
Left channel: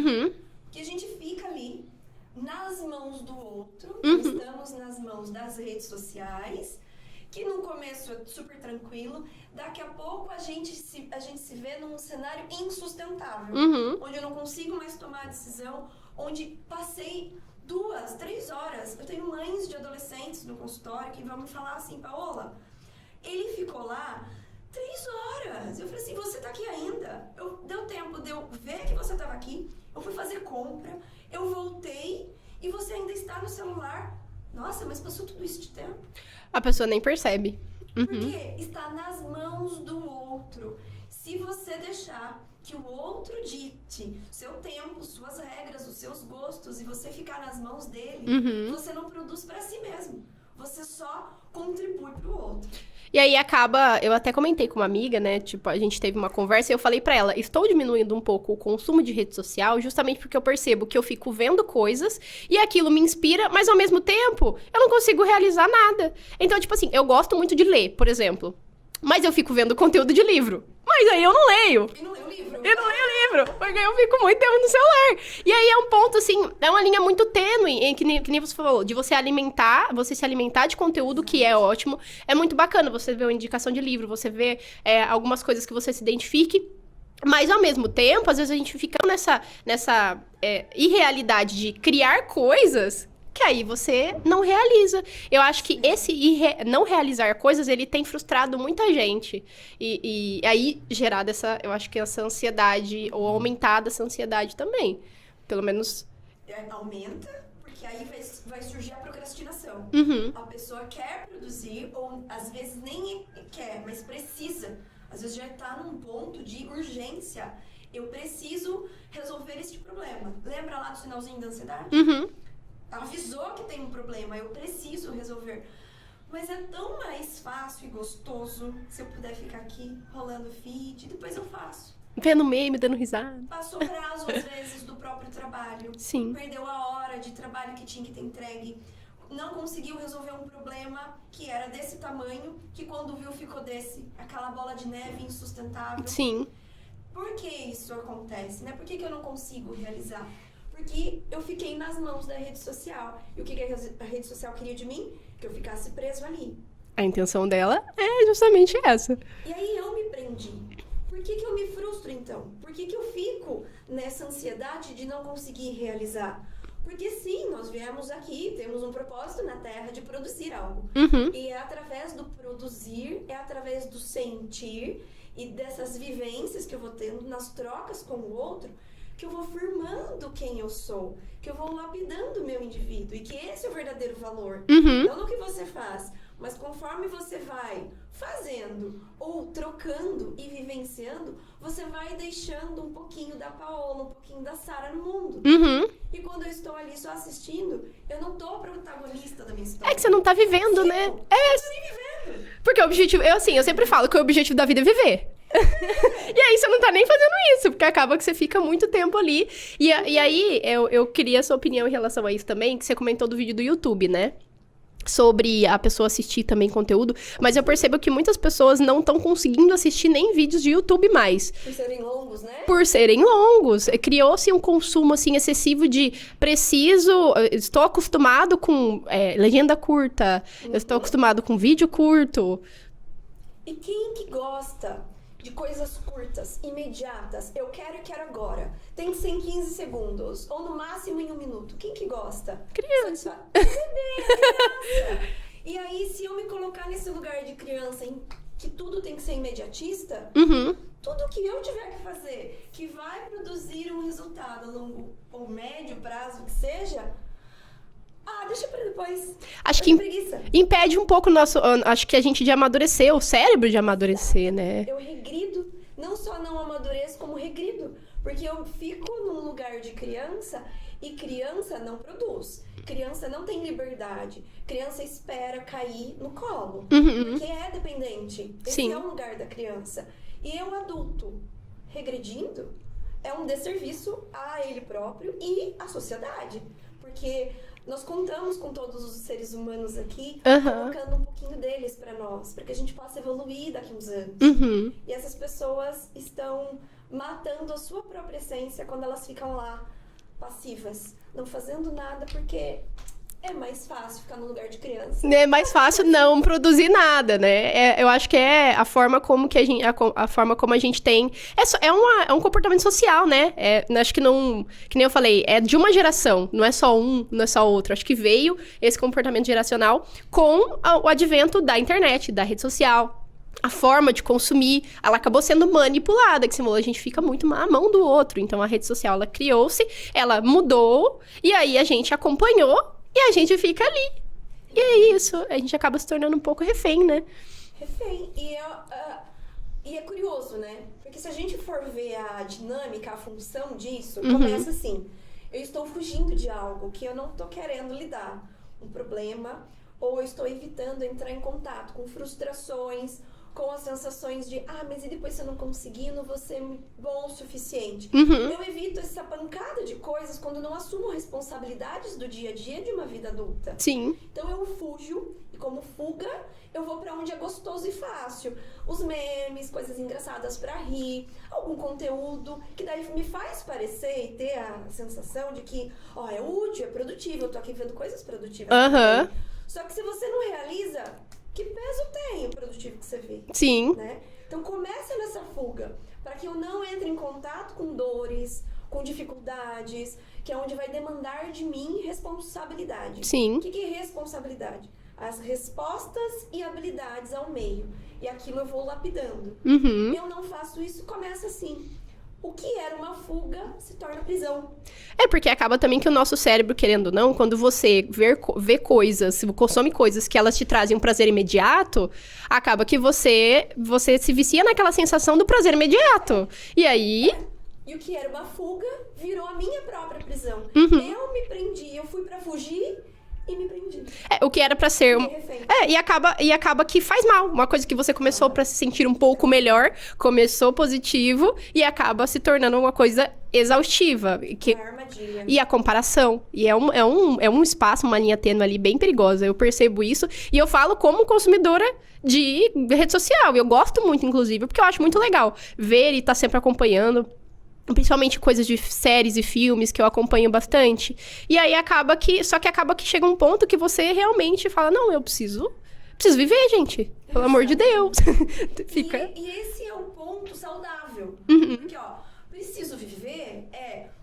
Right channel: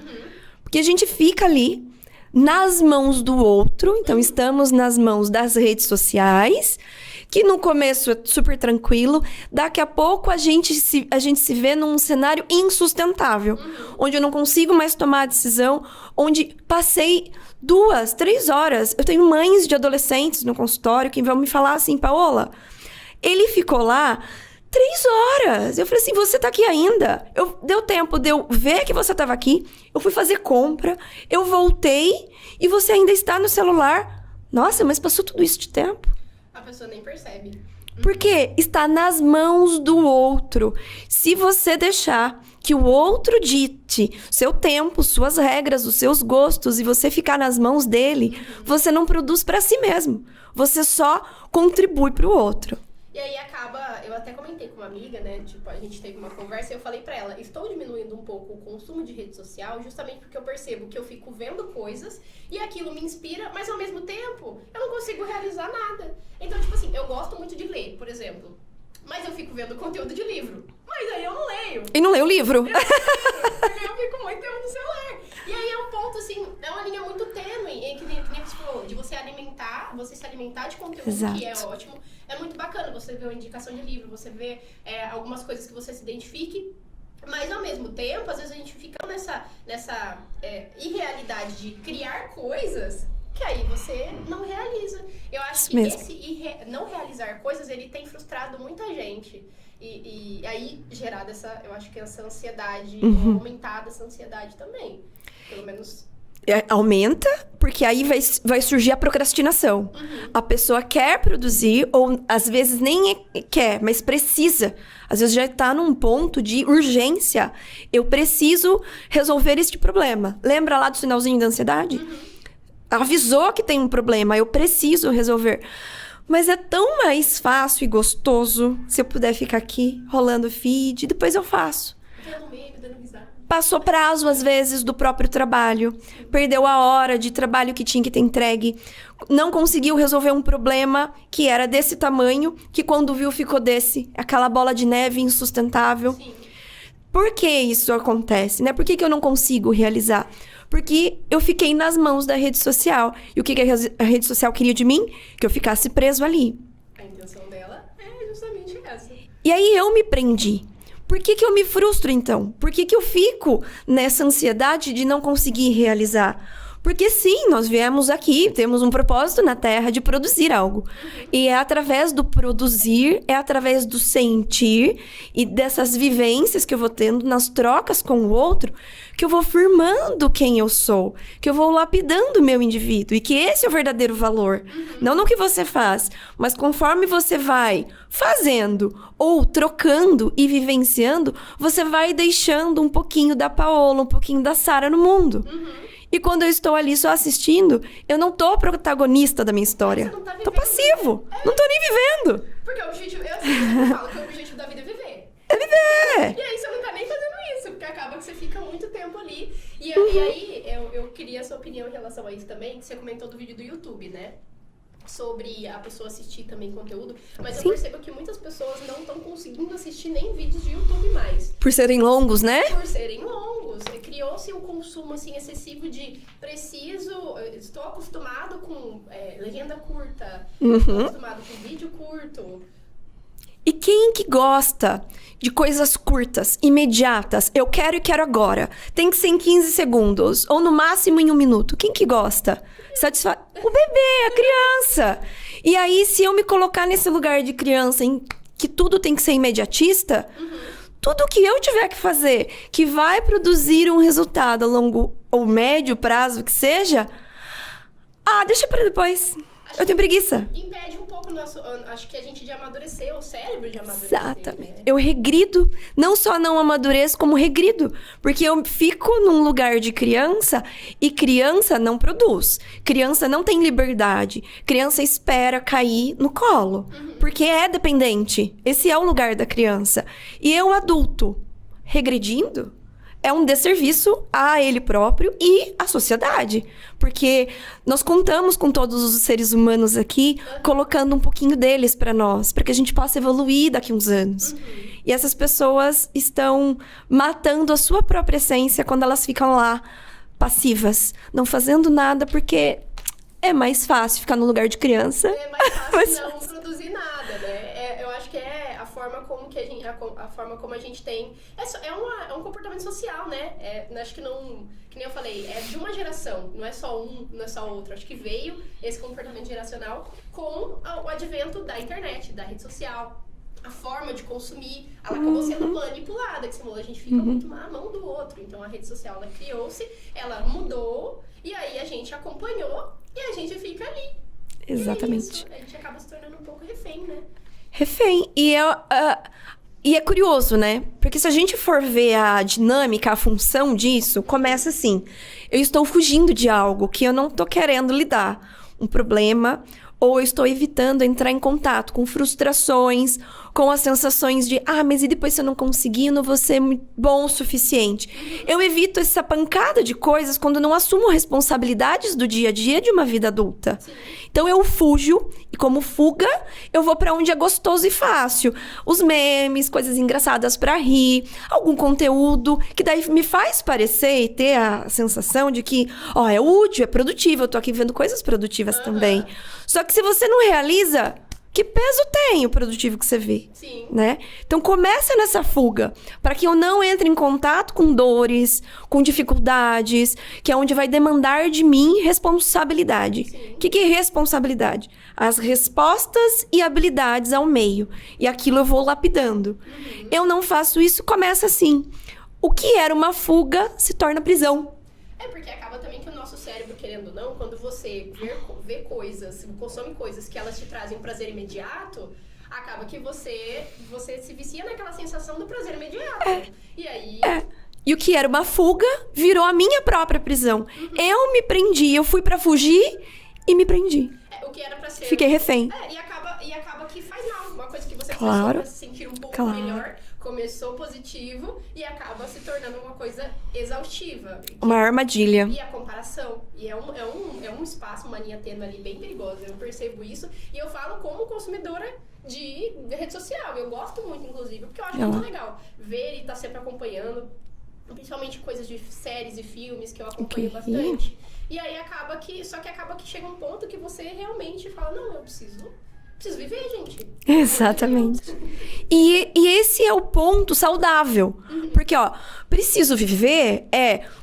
Porque a gente fica ali nas mãos do outro. Então, estamos nas mãos das redes sociais, que no começo é super tranquilo. Daqui a pouco, a gente se vê num cenário insustentável. Onde eu não consigo mais tomar a decisão. Onde passei 2, 3 horas. Eu tenho mães de adolescentes no consultório que vão me falar assim, Paola... Ele ficou lá 3 horas. Eu falei assim, você tá aqui ainda? Deu tempo de eu ver que você tava aqui. Eu fui fazer compra. Eu voltei. E você ainda está no celular. Nossa, mas passou tudo isso de tempo. A pessoa nem percebe. Porque está nas mãos do outro. Se você deixar que o outro dite seu tempo, suas regras, os seus gostos, e você ficar nas mãos dele, você não produz para si mesmo. Você só contribui para o outro. E aí acaba, eu até comentei com uma amiga, né, tipo, a gente teve uma conversa e eu falei pra ela, estou diminuindo um pouco o consumo de rede social justamente porque eu percebo que eu fico vendo coisas e aquilo me inspira, mas ao mesmo tempo eu não consigo realizar nada. Então, tipo assim, eu gosto muito de ler, por exemplo, mas eu fico vendo conteúdo de livro. Mas aí eu não leio. E não leio o livro. Eu não leio o livro, porque eu fico muito tempo no celular. E aí é um ponto, assim, é uma linha muito tênue, que nem você falou, de você se alimentar de conteúdo, que é ótimo. É muito bacana você ver uma indicação de livro, você ver algumas coisas que você se identifique. Mas, ao mesmo tempo, às vezes a gente fica nessa irrealidade de criar coisas... que aí você não realiza. Eu acho que esse não realizar coisas, ele tem frustrado muita gente. E aí, gerado eu acho que essa ansiedade, ou aumentada essa ansiedade também. Pelo menos... Aumenta, porque aí vai surgir a procrastinação. A pessoa quer produzir, ou às vezes nem quer, mas precisa. Às vezes já está num ponto de urgência. Eu preciso resolver este problema. Lembra lá do sinalzinho da ansiedade? Avisou que tem um problema, eu preciso resolver. Mas é tão mais fácil e gostoso se eu puder ficar aqui, rolando feed, depois eu faço. Vendo meme, dando risada. Passou prazo, às vezes, do próprio trabalho. Sim. Perdeu a hora de trabalho que tinha que ter entregue. Não conseguiu resolver um problema que era desse tamanho, que quando viu ficou aquela bola de neve insustentável. Sim. Por que isso acontece, né? Por que eu não consigo realizar? Porque eu fiquei nas mãos da rede social. E o que a rede social queria de mim? Que eu ficasse preso ali. A intenção dela é justamente essa. E aí eu me prendi. Por que eu me frustro, então? Por que eu fico nessa ansiedade de não conseguir realizar? Porque sim, nós viemos aqui, temos um propósito na Terra de produzir algo. E é através do produzir, é através do sentir e dessas vivências que eu vou tendo nas trocas com o outro, que eu vou firmando quem eu sou, que eu vou lapidando o meu indivíduo. E que esse é o verdadeiro valor. Não no que você faz, mas conforme você vai fazendo ou trocando e vivenciando, você vai deixando um pouquinho da Paola, um pouquinho da Sara no mundo. E quando eu estou ali só assistindo, eu não tô protagonista da minha história. Você não tá vivendo, tô passivo. né? Não tô nem vivendo. Porque o objetivo... Eu sempre falo que o objetivo da vida é viver. E aí você não tá nem fazendo isso, porque acaba que você fica muito tempo ali. E aí, eu queria a sua opinião em relação a isso também, que você comentou do vídeo do YouTube, né? Sobre a pessoa assistir também conteúdo. Mas eu percebo que muitas pessoas não estão conseguindo assistir nem vídeos de YouTube mais. Por serem longos, né? Por serem longos. Criou-se um consumo, assim, excessivo de preciso... Estou acostumado com legenda curta. Estou acostumado com vídeo curto. E quem que gosta de coisas curtas, imediatas? Eu quero e quero agora. Tem que ser em 15 segundos. Ou no máximo em 1 minuto. Quem que gosta? O bebê, a criança. E aí, se eu me colocar nesse lugar de criança em que tudo tem que ser imediatista... Tudo que eu tiver que fazer, que vai produzir um resultado a longo ou médio prazo que seja... deixa pra depois. Eu tenho preguiça. Impede um pouco o nosso... Acho que a gente de amadurecer, o cérebro de amadurecer, Exato. né? Eu regrido. Não só não amadureço, como regrido. Porque eu fico num lugar de criança e criança não produz. Criança não tem liberdade. Criança espera cair no colo. Porque é dependente. Esse é o lugar da criança. E eu, adulto, regredindo... É um desserviço a ele próprio e à sociedade. Porque nós contamos com todos os seres humanos aqui, colocando um pouquinho deles para nós, para que a gente possa evoluir daqui a uns anos. E essas pessoas estão matando a sua própria essência quando elas ficam lá, passivas, não fazendo nada, porque... É mais fácil ficar no lugar de criança. É mais fácil não produzir nada, né? Eu acho que é a forma como que a forma como a gente tem... É um comportamento social, né? Acho que não... Que nem eu falei, é de uma geração. Não é só um, não é só outro. Acho que veio esse comportamento geracional com o advento da internet, da rede social. A forma de consumir, ela acabou sendo manipulada, que você falou, a gente fica muito à mão do outro. Então, a rede social, ela criou-se, ela mudou, e aí a gente acompanhou, e a gente fica ali. Exatamente. E é isso. A gente acaba se tornando um pouco refém, né? Refém. E é curioso, né? Porque se a gente for ver a dinâmica, a função disso, começa assim. Eu estou fugindo de algo que eu não tô querendo lidar. Um problema... Ou eu estou evitando entrar em contato com frustrações, com as sensações de... mas e depois se eu não conseguir, eu não vou ser bom o suficiente. Eu evito essa pancada de coisas quando não assumo responsabilidades do dia a dia de uma vida adulta. Sim. Então eu fujo, e como fuga, eu vou pra onde é gostoso e fácil. Os memes, coisas engraçadas pra rir, algum conteúdo que daí me faz parecer e ter a sensação de que, é útil, é produtivo, eu tô aqui vendo coisas produtivas também. Só que se você não realiza, que peso tem o produtivo que você vê? Sim. Né? Então começa nessa fuga, para que eu não entre em contato com dores, com dificuldades, que é onde vai demandar de mim responsabilidade. Sim. O que é responsabilidade? As respostas e habilidades ao meio. E aquilo eu vou lapidando. Eu não faço isso, começa assim. O que era uma fuga se torna prisão. Porque acaba também que o nosso cérebro, querendo ou não, quando você vê coisas, consome coisas que elas te trazem um prazer imediato, acaba que você se vicia naquela sensação do prazer imediato. E aí... E o que era uma fuga virou a minha própria prisão. Eu me prendi, eu fui pra fugir... E me prendi. O que era pra ser... Fiquei refém. E acaba que faz mal. Uma coisa que você começou pra se sentir um pouco melhor, começou positivo e acaba se tornando uma coisa exaustiva. Uma armadilha. E a comparação. E é um espaço, uma linha tênue ali bem perigosa. Eu percebo isso. E eu falo como consumidora de rede social. E eu gosto muito, inclusive, porque eu acho muito legal ver e estar sempre acompanhando. Principalmente coisas de séries e filmes que eu acompanho bastante. E aí acaba que chega um ponto que você realmente fala, não, eu preciso viver, gente. Pelo amor de Deus. E esse é o ponto saudável. Porque, ó, preciso viver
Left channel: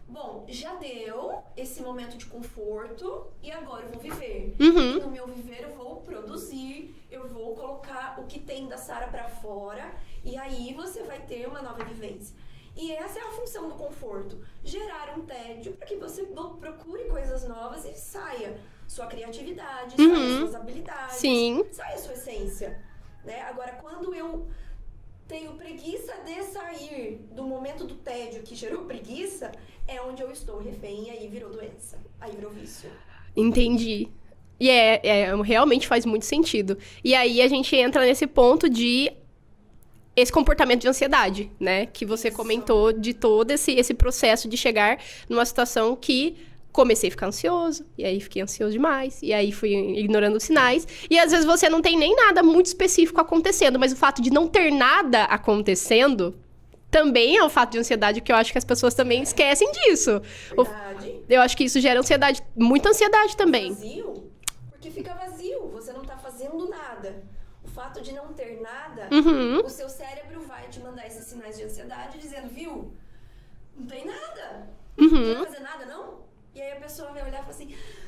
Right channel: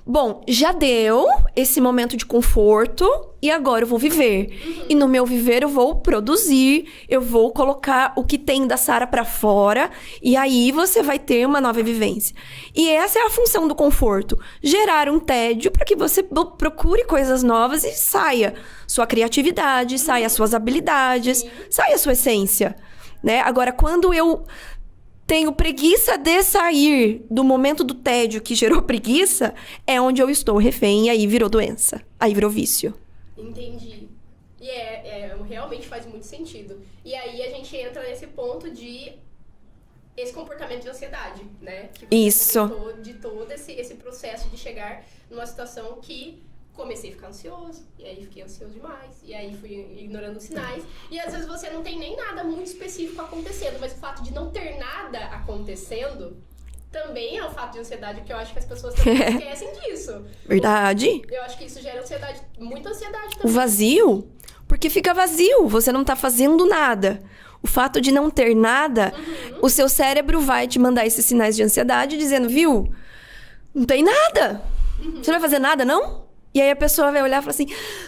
bom, já deu esse momento de conforto e agora eu vou viver. E no meu viver eu vou produzir, eu vou colocar o que tem da Sara pra fora e aí você vai ter uma nova vivência. E essa é a função do conforto. Gerar um tédio para que você procure coisas novas e saia sua criatividade, saia suas habilidades, saia sua essência, né? Agora, quando eu tenho preguiça de sair do momento do tédio que gerou preguiça, é onde eu estou refém e aí virou doença, aí virou vício. Entendi. E realmente faz muito sentido. E aí a gente entra nesse ponto de esse comportamento de ansiedade, né? Que você comentou de todo esse processo de chegar numa situação que comecei a ficar ansioso, e aí fiquei ansioso demais, e aí fui ignorando os sinais. E às vezes você não tem nem nada muito específico acontecendo, mas o fato de não ter nada acontecendo também é um fato de ansiedade, que eu acho que as pessoas também esquecem disso. Verdade. Eu acho que isso gera ansiedade, muita ansiedade também. O vazio, porque fica vazio, você não tá fazendo nada. O fato de não ter nada, o seu cérebro vai te mandar esses sinais de ansiedade, dizendo, viu, não tem nada. Você não vai fazer nada, não? E aí a pessoa vai olhar e falar assim,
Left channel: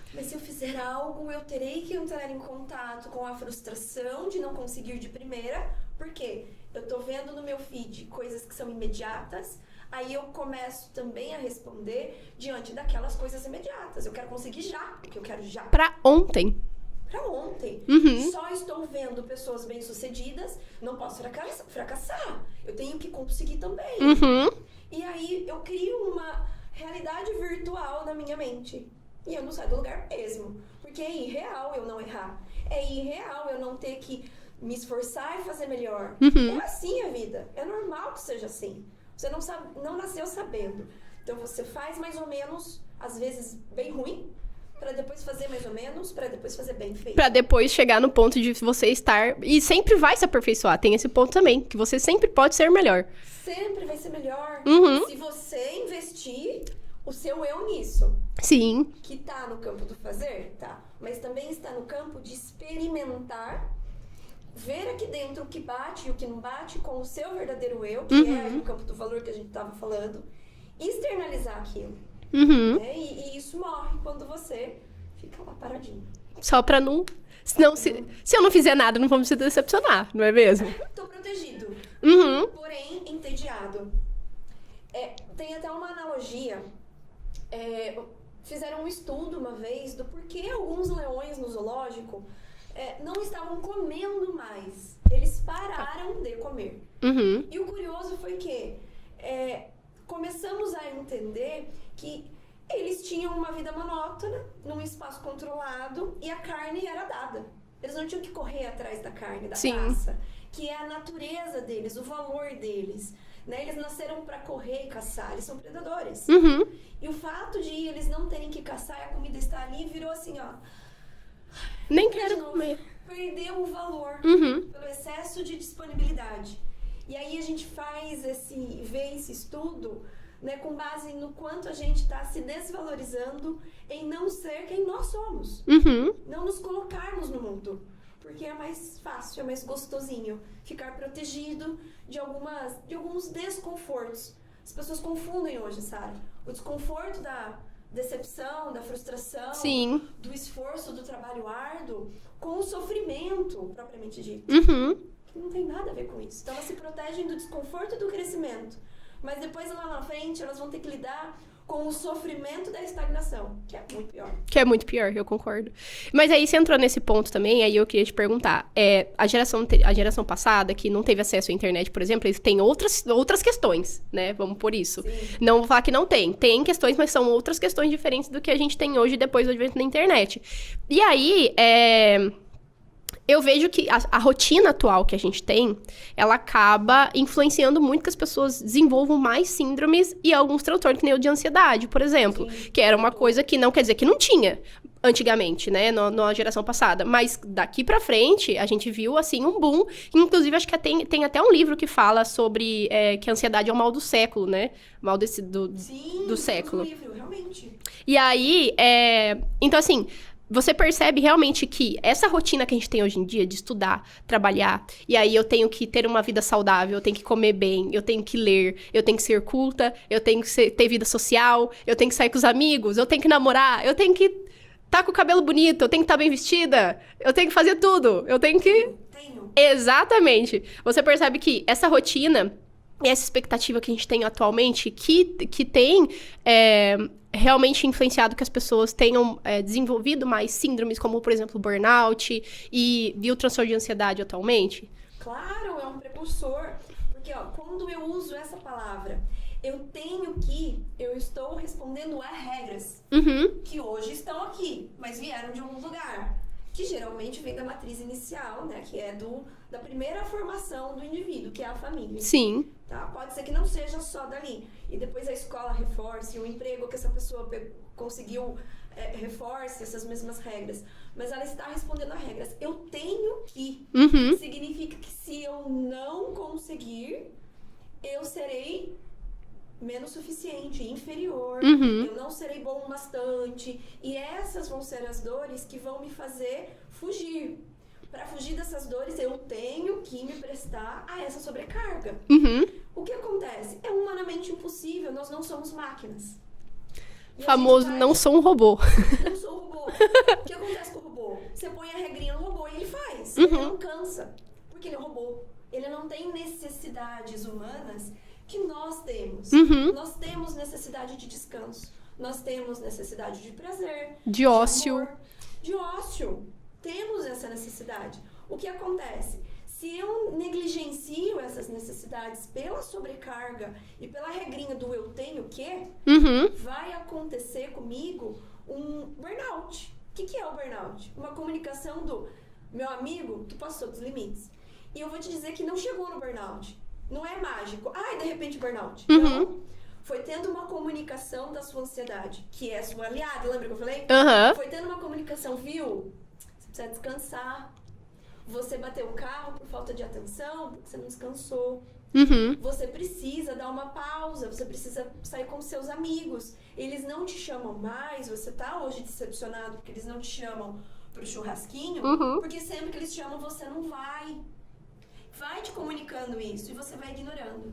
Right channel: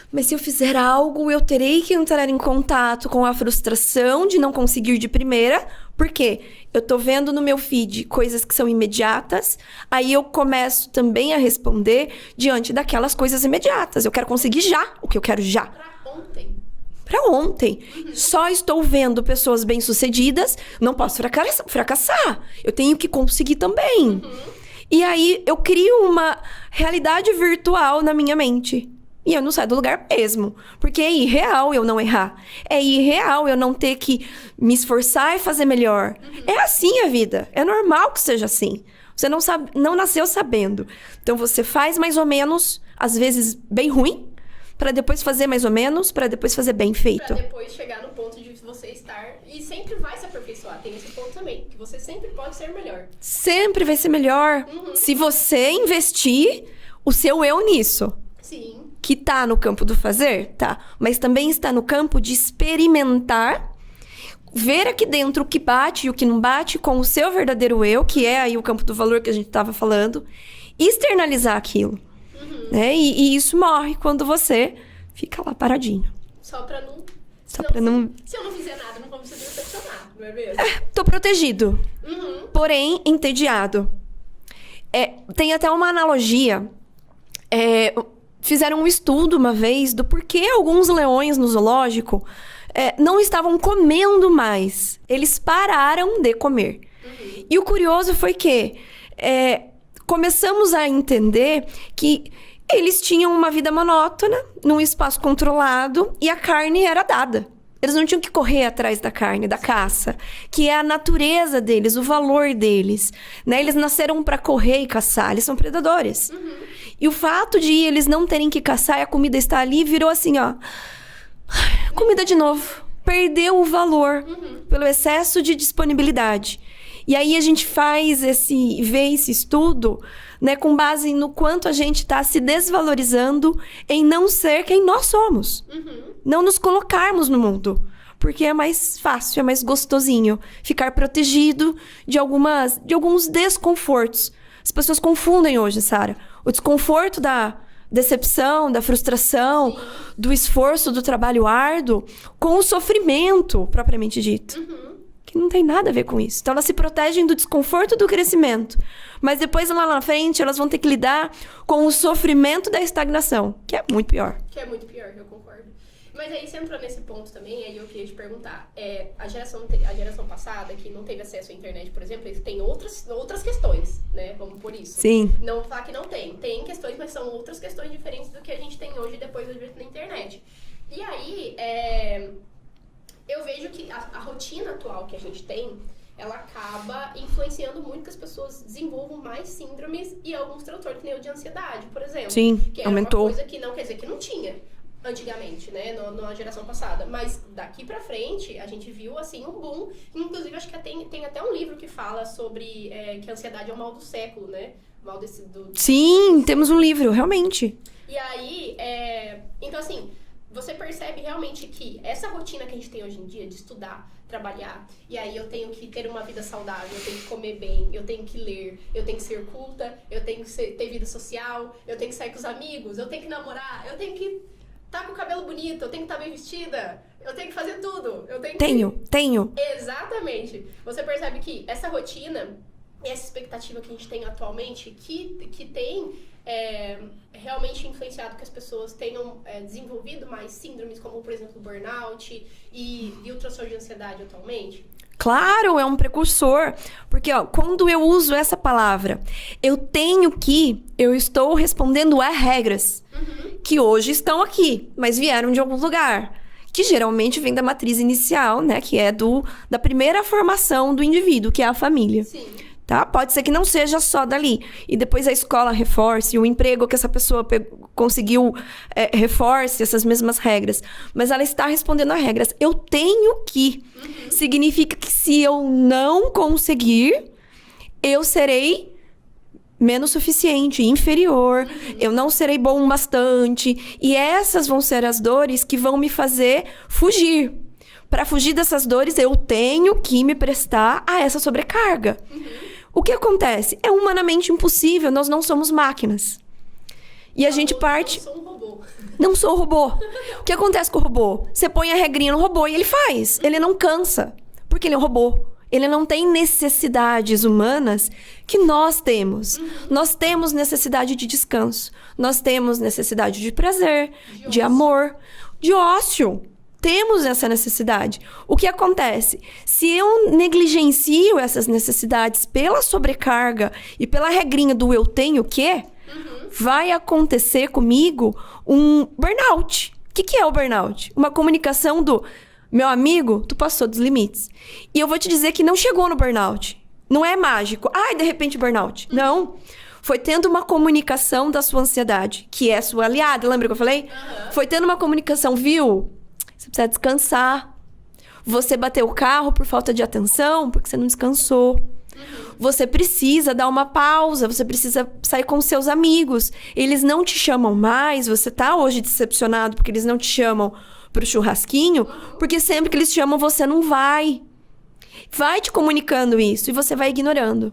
mas se eu fizer algo, eu terei que entrar em contato com a frustração de não conseguir de primeira. Por quê? Eu tô vendo no meu feed coisas que são imediatas, aí eu começo também a responder diante daquelas coisas imediatas. Eu quero conseguir já o que eu quero já. Pra ontem. Pra ontem. Só estou vendo pessoas bem-sucedidas, não posso fracassar. Eu tenho que conseguir também. E aí, eu crio uma realidade virtual na minha mente. E eu não saio do lugar mesmo. Porque é irreal eu não errar. É irreal eu não ter que me esforçar e fazer melhor. É assim a vida. É normal que seja assim. Você não nasceu sabendo. Então, você faz mais ou menos, às vezes bem ruim, para depois fazer mais ou menos, para depois fazer bem feito. Pra depois chegar no ponto de você estar... E sempre vai se aperfeiçoar. Tem esse ponto também, que você sempre pode ser melhor. Sempre vai ser melhor. Se você investir o seu eu nisso. Sim. Que tá no campo do fazer? Tá. Mas também está no campo de experimentar, ver aqui dentro o que bate e o que não bate com o seu verdadeiro eu, que é aí o campo do valor que a gente tava falando, e externalizar aquilo. Né? E isso morre quando você fica lá paradinho. Só pra não... Se eu não fizer nada, não vamos se decepcionar, não é mesmo? Tô protegido. Porém, entediado. Tem até uma analogia. Fizeram um estudo uma vez do porquê alguns leões no zoológico não estavam comendo mais. Eles pararam de comer. E o curioso foi que... começamos a entender que eles tinham uma vida monótona, num espaço controlado, e a carne era dada. Eles não tinham que correr atrás da carne, da caça, que é a natureza deles, o valor deles, né? Eles nasceram para correr e caçar, eles são predadores. E o fato de eles não terem que caçar e a comida está ali, virou assim, ó... comida de novo. Perdeu o valor pelo excesso de disponibilidade. E aí a gente vê esse estudo, né, com base no quanto a gente está se desvalorizando em não ser quem nós somos. Não nos colocarmos no mundo. Porque é mais fácil, é mais gostosinho ficar protegido de alguns desconfortos. As pessoas confundem hoje, Sara, o desconforto da decepção, da frustração, do esforço, do trabalho árduo, com o sofrimento propriamente dito. Que não tem nada a ver com isso. Então, elas se protegem do desconforto do crescimento. Mas depois, lá na frente, elas vão ter que lidar com o sofrimento da estagnação, que é muito pior. Que é muito pior, eu concordo. Mas aí, você entrou nesse ponto também, aí eu queria te perguntar. A geração passada, que não teve acesso à internet, por exemplo, eles têm outras questões, né? Vamos por isso. Sim. Não vou falar que não tem. Tem questões, mas são outras questões diferentes do que a gente tem hoje, depois do advento da internet. E aí, eu vejo que a rotina atual que a gente tem, ela acaba influenciando muito que as pessoas desenvolvam mais síndromes e alguns transtornos, que nem o de ansiedade, por exemplo. Sim, que era aumentou. uma coisa que não quer dizer que não tinha. antigamente, né, na geração passada. Mas daqui pra frente, a gente viu, assim, um boom. Inclusive, acho que tem até um livro que fala sobre que a ansiedade é o mal do século, né? Mal desse, Sim, do temos um século. livro, realmente. E aí, então assim, você percebe realmente que essa rotina que a gente tem hoje em dia de estudar, trabalhar, e aí eu tenho que ter uma vida saudável, eu tenho que comer bem, eu tenho que ler, eu tenho que ser culta, eu tenho que ter vida social, eu tenho que sair com os amigos, eu tenho que namorar, eu tenho que tá com o cabelo bonito, eu tenho que estar bem vestida, eu tenho que fazer tudo, eu tenho que... Tenho. Exatamente. Você percebe que essa rotina e essa expectativa que a gente tem atualmente, que tem realmente influenciado que as pessoas tenham desenvolvido mais síndromes, como, por exemplo, burnout e o transtorno de ansiedade atualmente? Claro, é um precursor. Porque, ó, quando eu uso essa palavra, eu estou respondendo a regras que hoje estão aqui, mas vieram de algum lugar. Que geralmente vem da matriz inicial, né? Que é da primeira formação do indivíduo, que é a família. Sim. Tá? Pode ser que não seja só dali. E depois a escola reforce, o emprego que essa pessoa conseguiu reforce essas mesmas regras. Mas ela está respondendo a regras. Eu tenho que. Significa que se eu não conseguir, eu serei menos suficiente, inferior. Eu não serei bom bastante. E essas vão ser as dores que vão me fazer fugir. Para fugir dessas dores, eu tenho que me prestar a essa sobrecarga. O que acontece? É humanamente impossível, nós não somos máquinas. E a gente parte... não sou um robô. Não sou um robô. O que acontece com o robô? Você põe a regrinha no robô e ele faz. Ele não cansa, porque ele é um robô. Ele não tem necessidades humanas que nós temos. Nós temos necessidade de descanso. Nós temos necessidade de prazer, de amor, de ócio. Temos essa necessidade. O que acontece? Se eu negligencio essas necessidades pela sobrecarga e pela regrinha do eu tenho que, vai acontecer comigo um burnout. O que é o burnout? Uma comunicação do meu amigo, tu passou dos limites. E eu vou te dizer que não chegou no burnout. Não é mágico. Ai, de repente burnout. Não. Foi tendo uma comunicação da sua ansiedade, que é sua aliada. Lembra que eu falei? Foi tendo uma comunicação, viu? Você precisa descansar. Você bateu o carro por falta de atenção, porque você não descansou. Você precisa dar uma pausa, você precisa sair com seus amigos. Eles não te chamam mais, você tá hoje decepcionado porque eles não te chamam pro churrasquinho, porque sempre que eles chamam, você não vai. Vai te comunicando isso e você vai ignorando.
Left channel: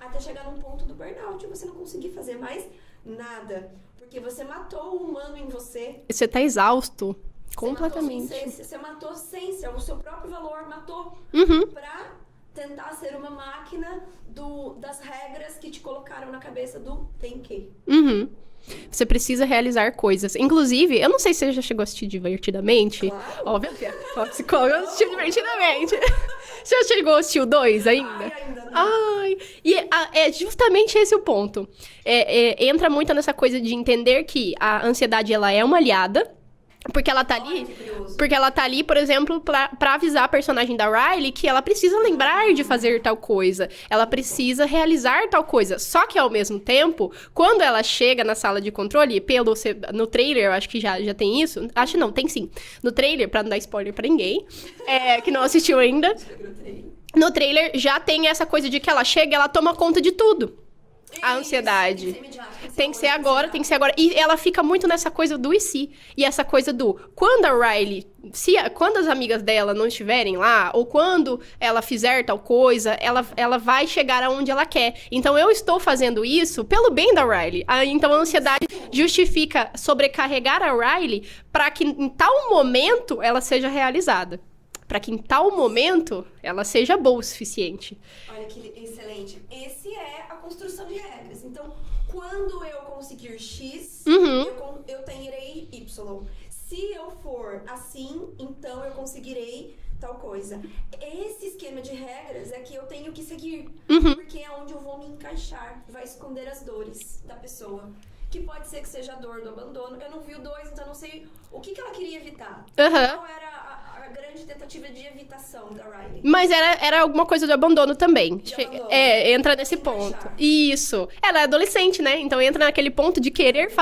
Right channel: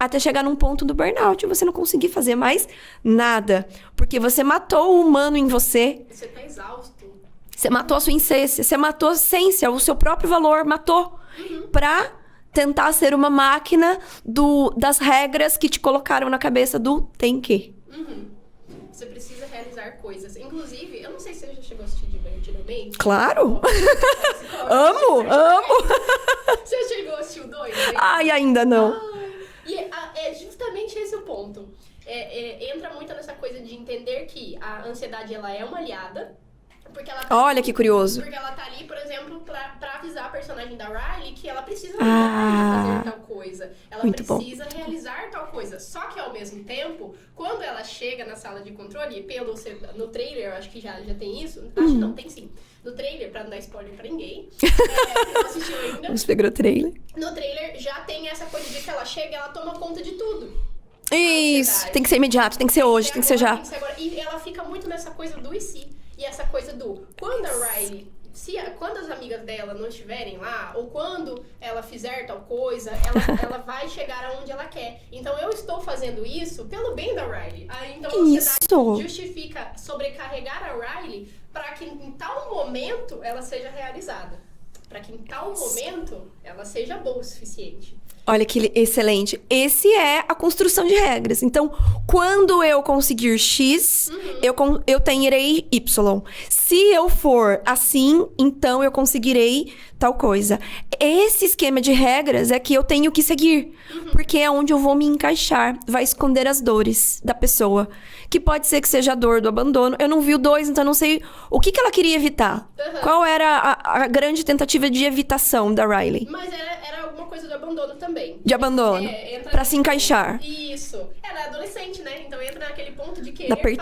Até chegar num ponto do burnout e você não conseguir fazer mais nada. Porque você matou o humano em você. Você tá exausto. Você matou a sua essência, você matou a essência, o seu próprio valor, matou. Pra tentar ser uma máquina das regras que te colocaram na cabeça do tem que. Você precisa realizar coisas. Inclusive, eu não sei se você já chegou a assistir Divertidamente. Claro! Amo! Você já chegou a assistir o 2 ainda? Ai, ainda não. Ai. E é justamente esse o ponto. Entra muito nessa coisa de entender que a ansiedade, ela é uma aliada. Porque ela tá Olha que curioso. Porque ela tá ali, por exemplo, pra avisar a personagem da Riley que ela precisa lembrar de fazer tal coisa. Ela precisa realizar tal coisa. Só que, ao mesmo tempo, quando ela chega na sala de controle, no trailer, eu acho que já tem isso. Acho não, tem sim. No trailer, pra não dar spoiler pra ninguém, que não assistiu ainda. Você pegou o trailer? No trailer, já tem essa coisa de que ela chega e ela toma conta de tudo. Isso, a ansiedade. Tem que ser imediato, tem que ser hoje, tem que ser já. Tem que ser agora. E ela fica muito nessa coisa do e se. E essa coisa do... Quando a Riley... Quando as amigas dela não estiverem lá, ou quando ela fizer tal coisa, ela vai chegar aonde ela quer. Então, eu estou fazendo isso pelo bem da Riley. Então, a ansiedade justifica sobrecarregar a Riley para que, em tal momento, ela seja realizada. Para que em tal momento ela seja boa o suficiente. Olha que excelente. Esse é a construção de regras. Então, quando eu conseguir X, eu terei Y. Se eu for assim, então eu conseguirei tal coisa. Esse esquema de regras é que eu tenho que seguir. Porque é onde eu vou me encaixar. Vai esconder as dores da pessoa. Que pode ser que seja a dor do abandono. Eu não vi o 2, então eu não sei o que ela queria evitar. Qual era a grande tentativa de evitação da Riley. Mas era alguma coisa de abandono também. De abandono. Entra pra se encaixar. Isso. Ela é adolescente, né? Então entra naquele ponto de querer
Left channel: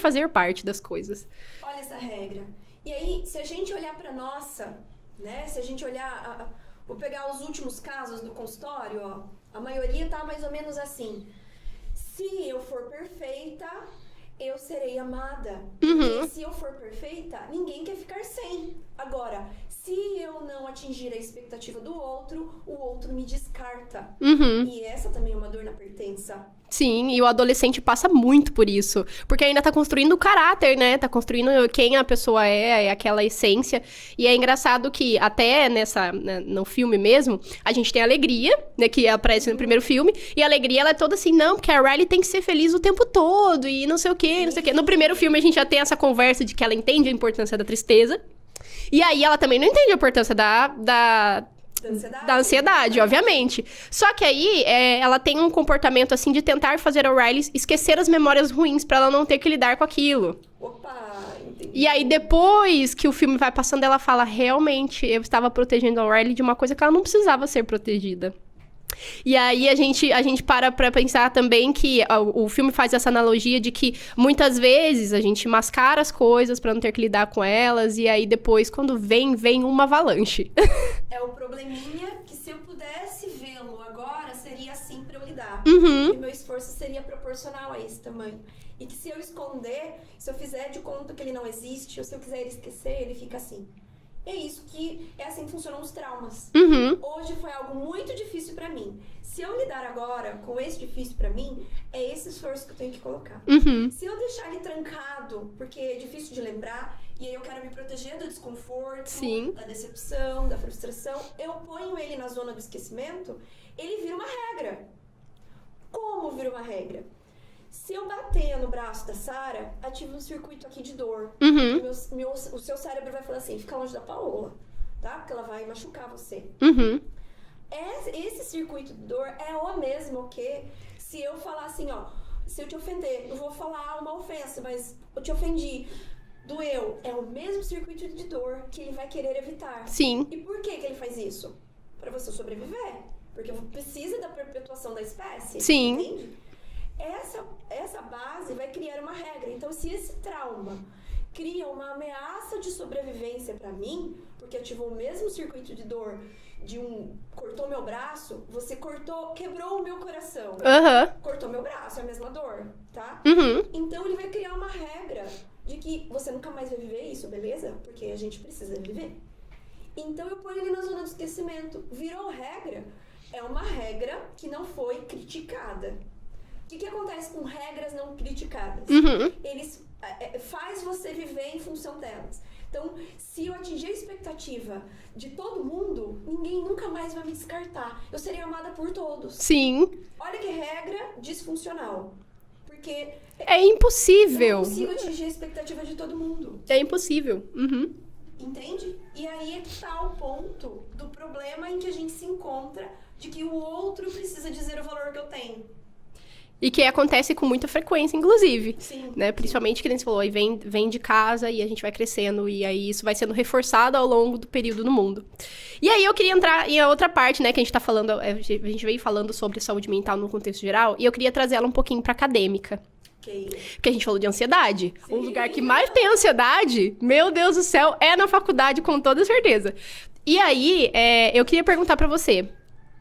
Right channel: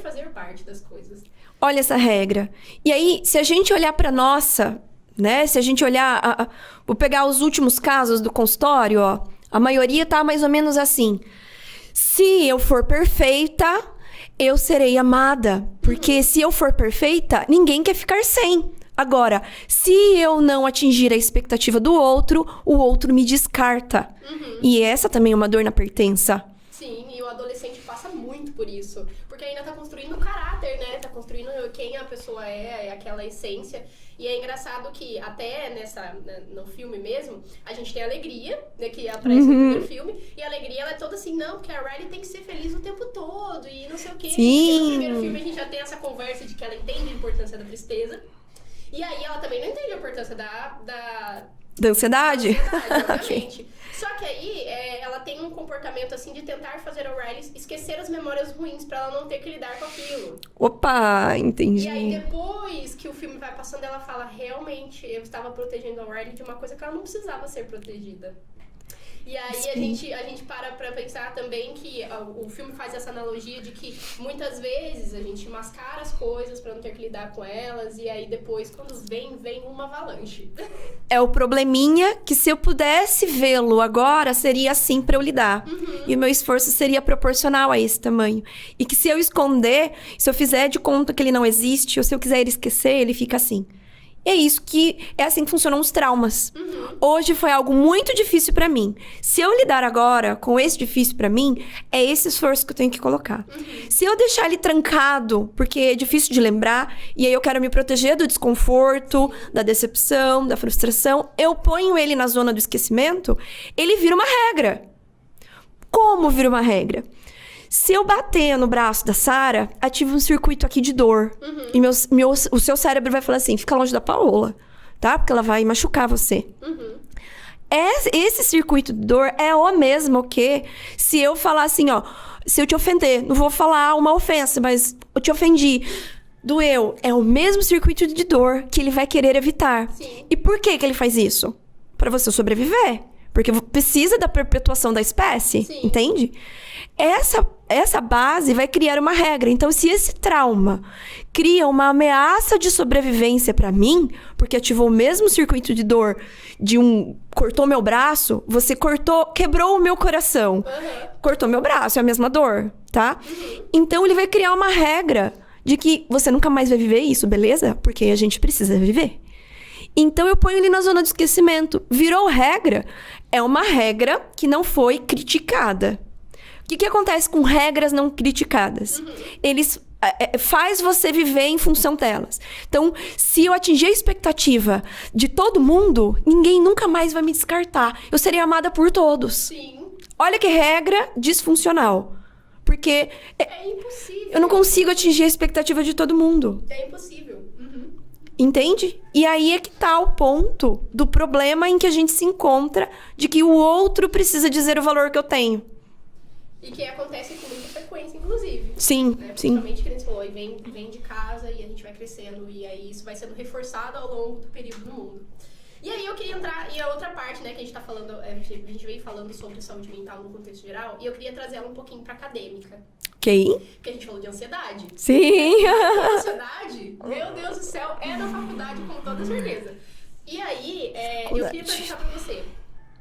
fazer parte das coisas. Olha essa regra. E aí, se a gente olhar pra nossa, né? Se a gente olhar... Vou pegar os últimos casos do consultório, ó. A maioria tá mais ou menos assim. Se eu for perfeita, eu serei amada. Porque se eu for perfeita, ninguém quer ficar sem. Agora, se eu não atingir a expectativa do outro, o outro me descarta. E essa também é uma dor na pertença. Sim, e o adolescente passa muito por isso. Porque ainda tá construindo o caráter, né? Tá construindo quem a pessoa é aquela essência. E é engraçado que até no filme mesmo, a gente tem a Alegria, né? Que aparece no primeiro filme. E a Alegria, ela é toda assim, não, porque a Riley tem que ser feliz o tempo todo. E não sei o quê, não sei o quê. No primeiro filme, a gente já tem essa conversa de que ela entende a importância da tristeza. E aí, ela também não entende a importância da ansiedade? Da ansiedade, obviamente. Só que aí, ela tem um comportamento, assim, de tentar fazer a Riley esquecer as memórias ruins pra ela não ter que lidar com aquilo. Opa, entendi. E aí, depois que o filme vai passando, ela fala, realmente, eu estava protegendo a Riley de uma coisa que ela não precisava ser protegida. E aí a gente para pra pensar também que o filme faz essa analogia de que muitas vezes a gente mascara as coisas pra não ter que lidar com elas, e aí depois, quando vem uma avalanche. É o probleminha que se eu pudesse vê-lo agora, seria assim pra eu lidar. E o meu esforço seria proporcional a esse tamanho. E que se eu esconder, se eu fizer de conta que ele não existe, ou se eu quiser esquecer, ele fica assim. É isso que... É assim que funcionam os traumas. Hoje foi algo muito difícil pra mim. Se eu lidar agora com esse difícil pra mim, é esse esforço que eu tenho que colocar. Se eu deixar ele trancado, porque é difícil de lembrar, e aí eu quero me proteger do desconforto, da decepção, da frustração, eu ponho ele na zona do esquecimento, ele vira uma regra. Como vira uma regra? Se eu bater no braço da Sarah, ativa um circuito aqui de dor. E o seu cérebro vai falar assim, fica longe da Paola, tá? Porque ela vai machucar você. Esse circuito de dor é o mesmo que se eu falar assim, ó... Se eu te ofender, não vou falar uma ofensa, mas eu te ofendi. Doeu. É o mesmo circuito de dor que ele vai querer evitar. Sim. E por que ele faz isso? Pra você sobreviver. Porque precisa da perpetuação da espécie. Sim. Entende? Essa base vai criar uma regra. Então, se esse trauma cria uma ameaça de sobrevivência pra mim, porque ativou o mesmo circuito de dor de cortou meu braço, você quebrou o meu coração. Cortou meu braço, é a mesma dor, tá? Então, ele vai criar uma regra de que você nunca mais vai viver isso, beleza? Porque a gente precisa viver. Então, eu ponho ele na zona de esquecimento. Virou regra, é uma regra que não foi criticada. O que acontece com regras não criticadas? Eles faz você viver em função delas. Então, se eu atingir a expectativa de todo mundo, ninguém nunca mais vai me descartar. Eu serei amada por todos. Sim. Olha que regra disfuncional. Porque é impossível. Eu não consigo atingir a expectativa de todo mundo. É impossível. Entende? E aí é que tá o ponto do problema em que a gente se encontra de que o outro precisa dizer o valor que eu tenho. E que acontece com muita frequência, inclusive. Sim. Né? Principalmente que nem você falou, aí vem de casa e a gente vai crescendo. E aí isso vai sendo reforçado ao longo do período no mundo. E aí eu queria entrar em outra parte, né? Que a gente tá falando... A gente veio falando sobre saúde mental no contexto geral. E eu queria trazer ela um pouquinho pra acadêmica. Ok. Porque a gente falou de ansiedade. Sim. O lugar que mais tem ansiedade, meu Deus do céu, é na faculdade, com toda certeza. E aí, eu queria perguntar pra você...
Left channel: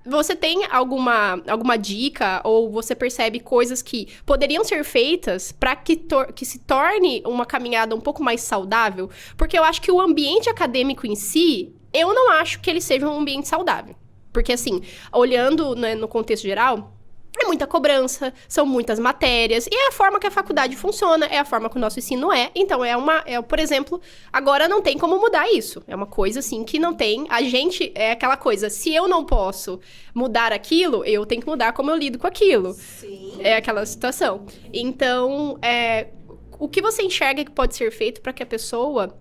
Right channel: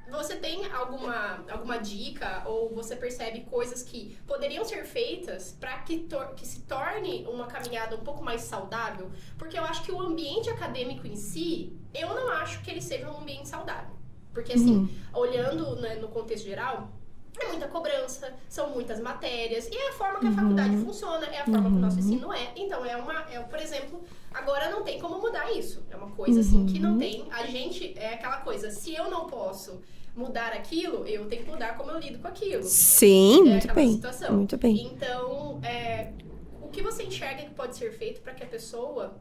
Você tem alguma dica ou você percebe coisas que poderiam ser feitas para que se torne uma caminhada um pouco mais saudável? Porque eu acho que o ambiente acadêmico em si, eu não acho que ele seja um ambiente saudável. Porque, assim, olhando, né, no contexto geral... É muita cobrança, são muitas matérias. E é a forma que a faculdade funciona, é a forma que o nosso ensino é. Então, por exemplo, agora não tem como mudar isso. É uma coisa, assim, que não tem... A gente, é aquela coisa, se eu não posso mudar aquilo, eu tenho que mudar como eu lido com aquilo. Sim, é aquela situação. Muito bem. Então, o que você enxerga que pode ser feito para que a pessoa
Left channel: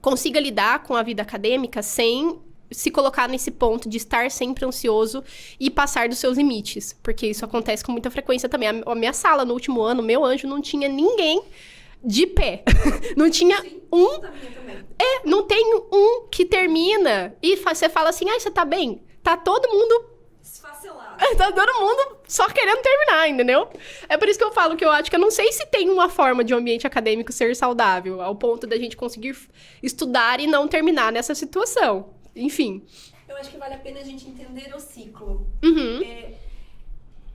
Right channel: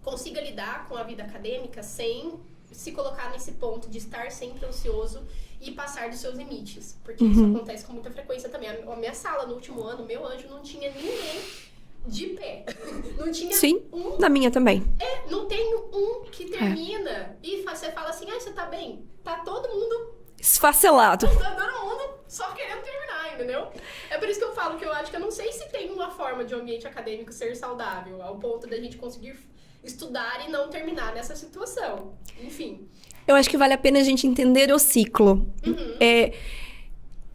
consiga lidar com a vida acadêmica sem... se colocar nesse ponto de estar sempre ansioso e passar dos seus limites. Porque isso acontece com muita frequência também. A minha sala, no último ano, meu anjo, não tinha ninguém de pé. Não tinha Sim, um... na minha também. Não tem um que termina e você fala assim, ai, você tá bem? Tá todo mundo... Esfacelado. Tá todo mundo só querendo terminar, entendeu? É por isso que eu falo que eu acho que eu não sei se tem uma forma de um ambiente acadêmico ser saudável, ao ponto da gente conseguir estudar e não terminar nessa situação. Enfim. Eu acho que vale a pena a gente entender o ciclo. Uhum.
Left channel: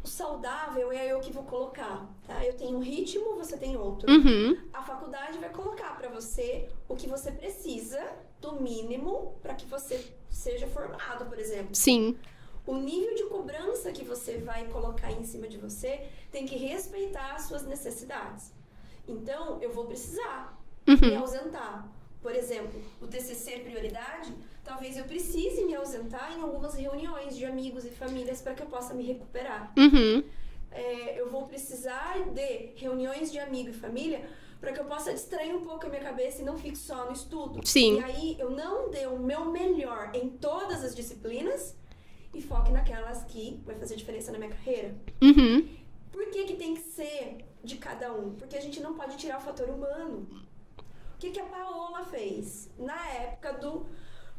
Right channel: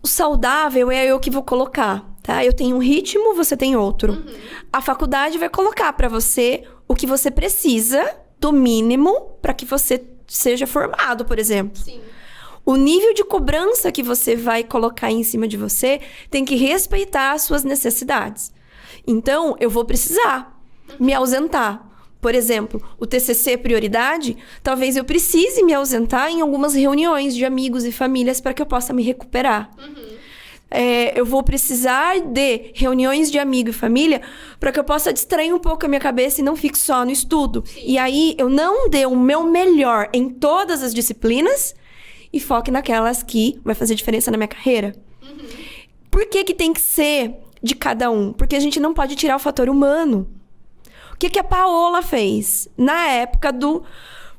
O saudável é eu que vou colocar, tá? Eu tenho um ritmo, você tem outro. Uhum. A faculdade vai colocar pra você o que você precisa, do mínimo, pra que você seja formado, por exemplo. Sim. O nível de cobrança que você vai colocar em cima de você tem que respeitar as suas necessidades. Então, eu vou precisar me ausentar. Por exemplo, o TCC é prioridade, talvez eu precise me ausentar em algumas reuniões de amigos e famílias para que eu possa me recuperar. Uhum. Eu vou precisar de reuniões de amigo e família para que eu possa distrair um pouco a minha cabeça e não fique só no estudo. Sim. E aí, eu não dê o meu melhor em todas as disciplinas e foque naquelas que vai fazer diferença na minha carreira. Uhum. Por que que tem que ser de cada um? Porque a gente não pode tirar o fator humano. O que que a Paola fez? Na época do...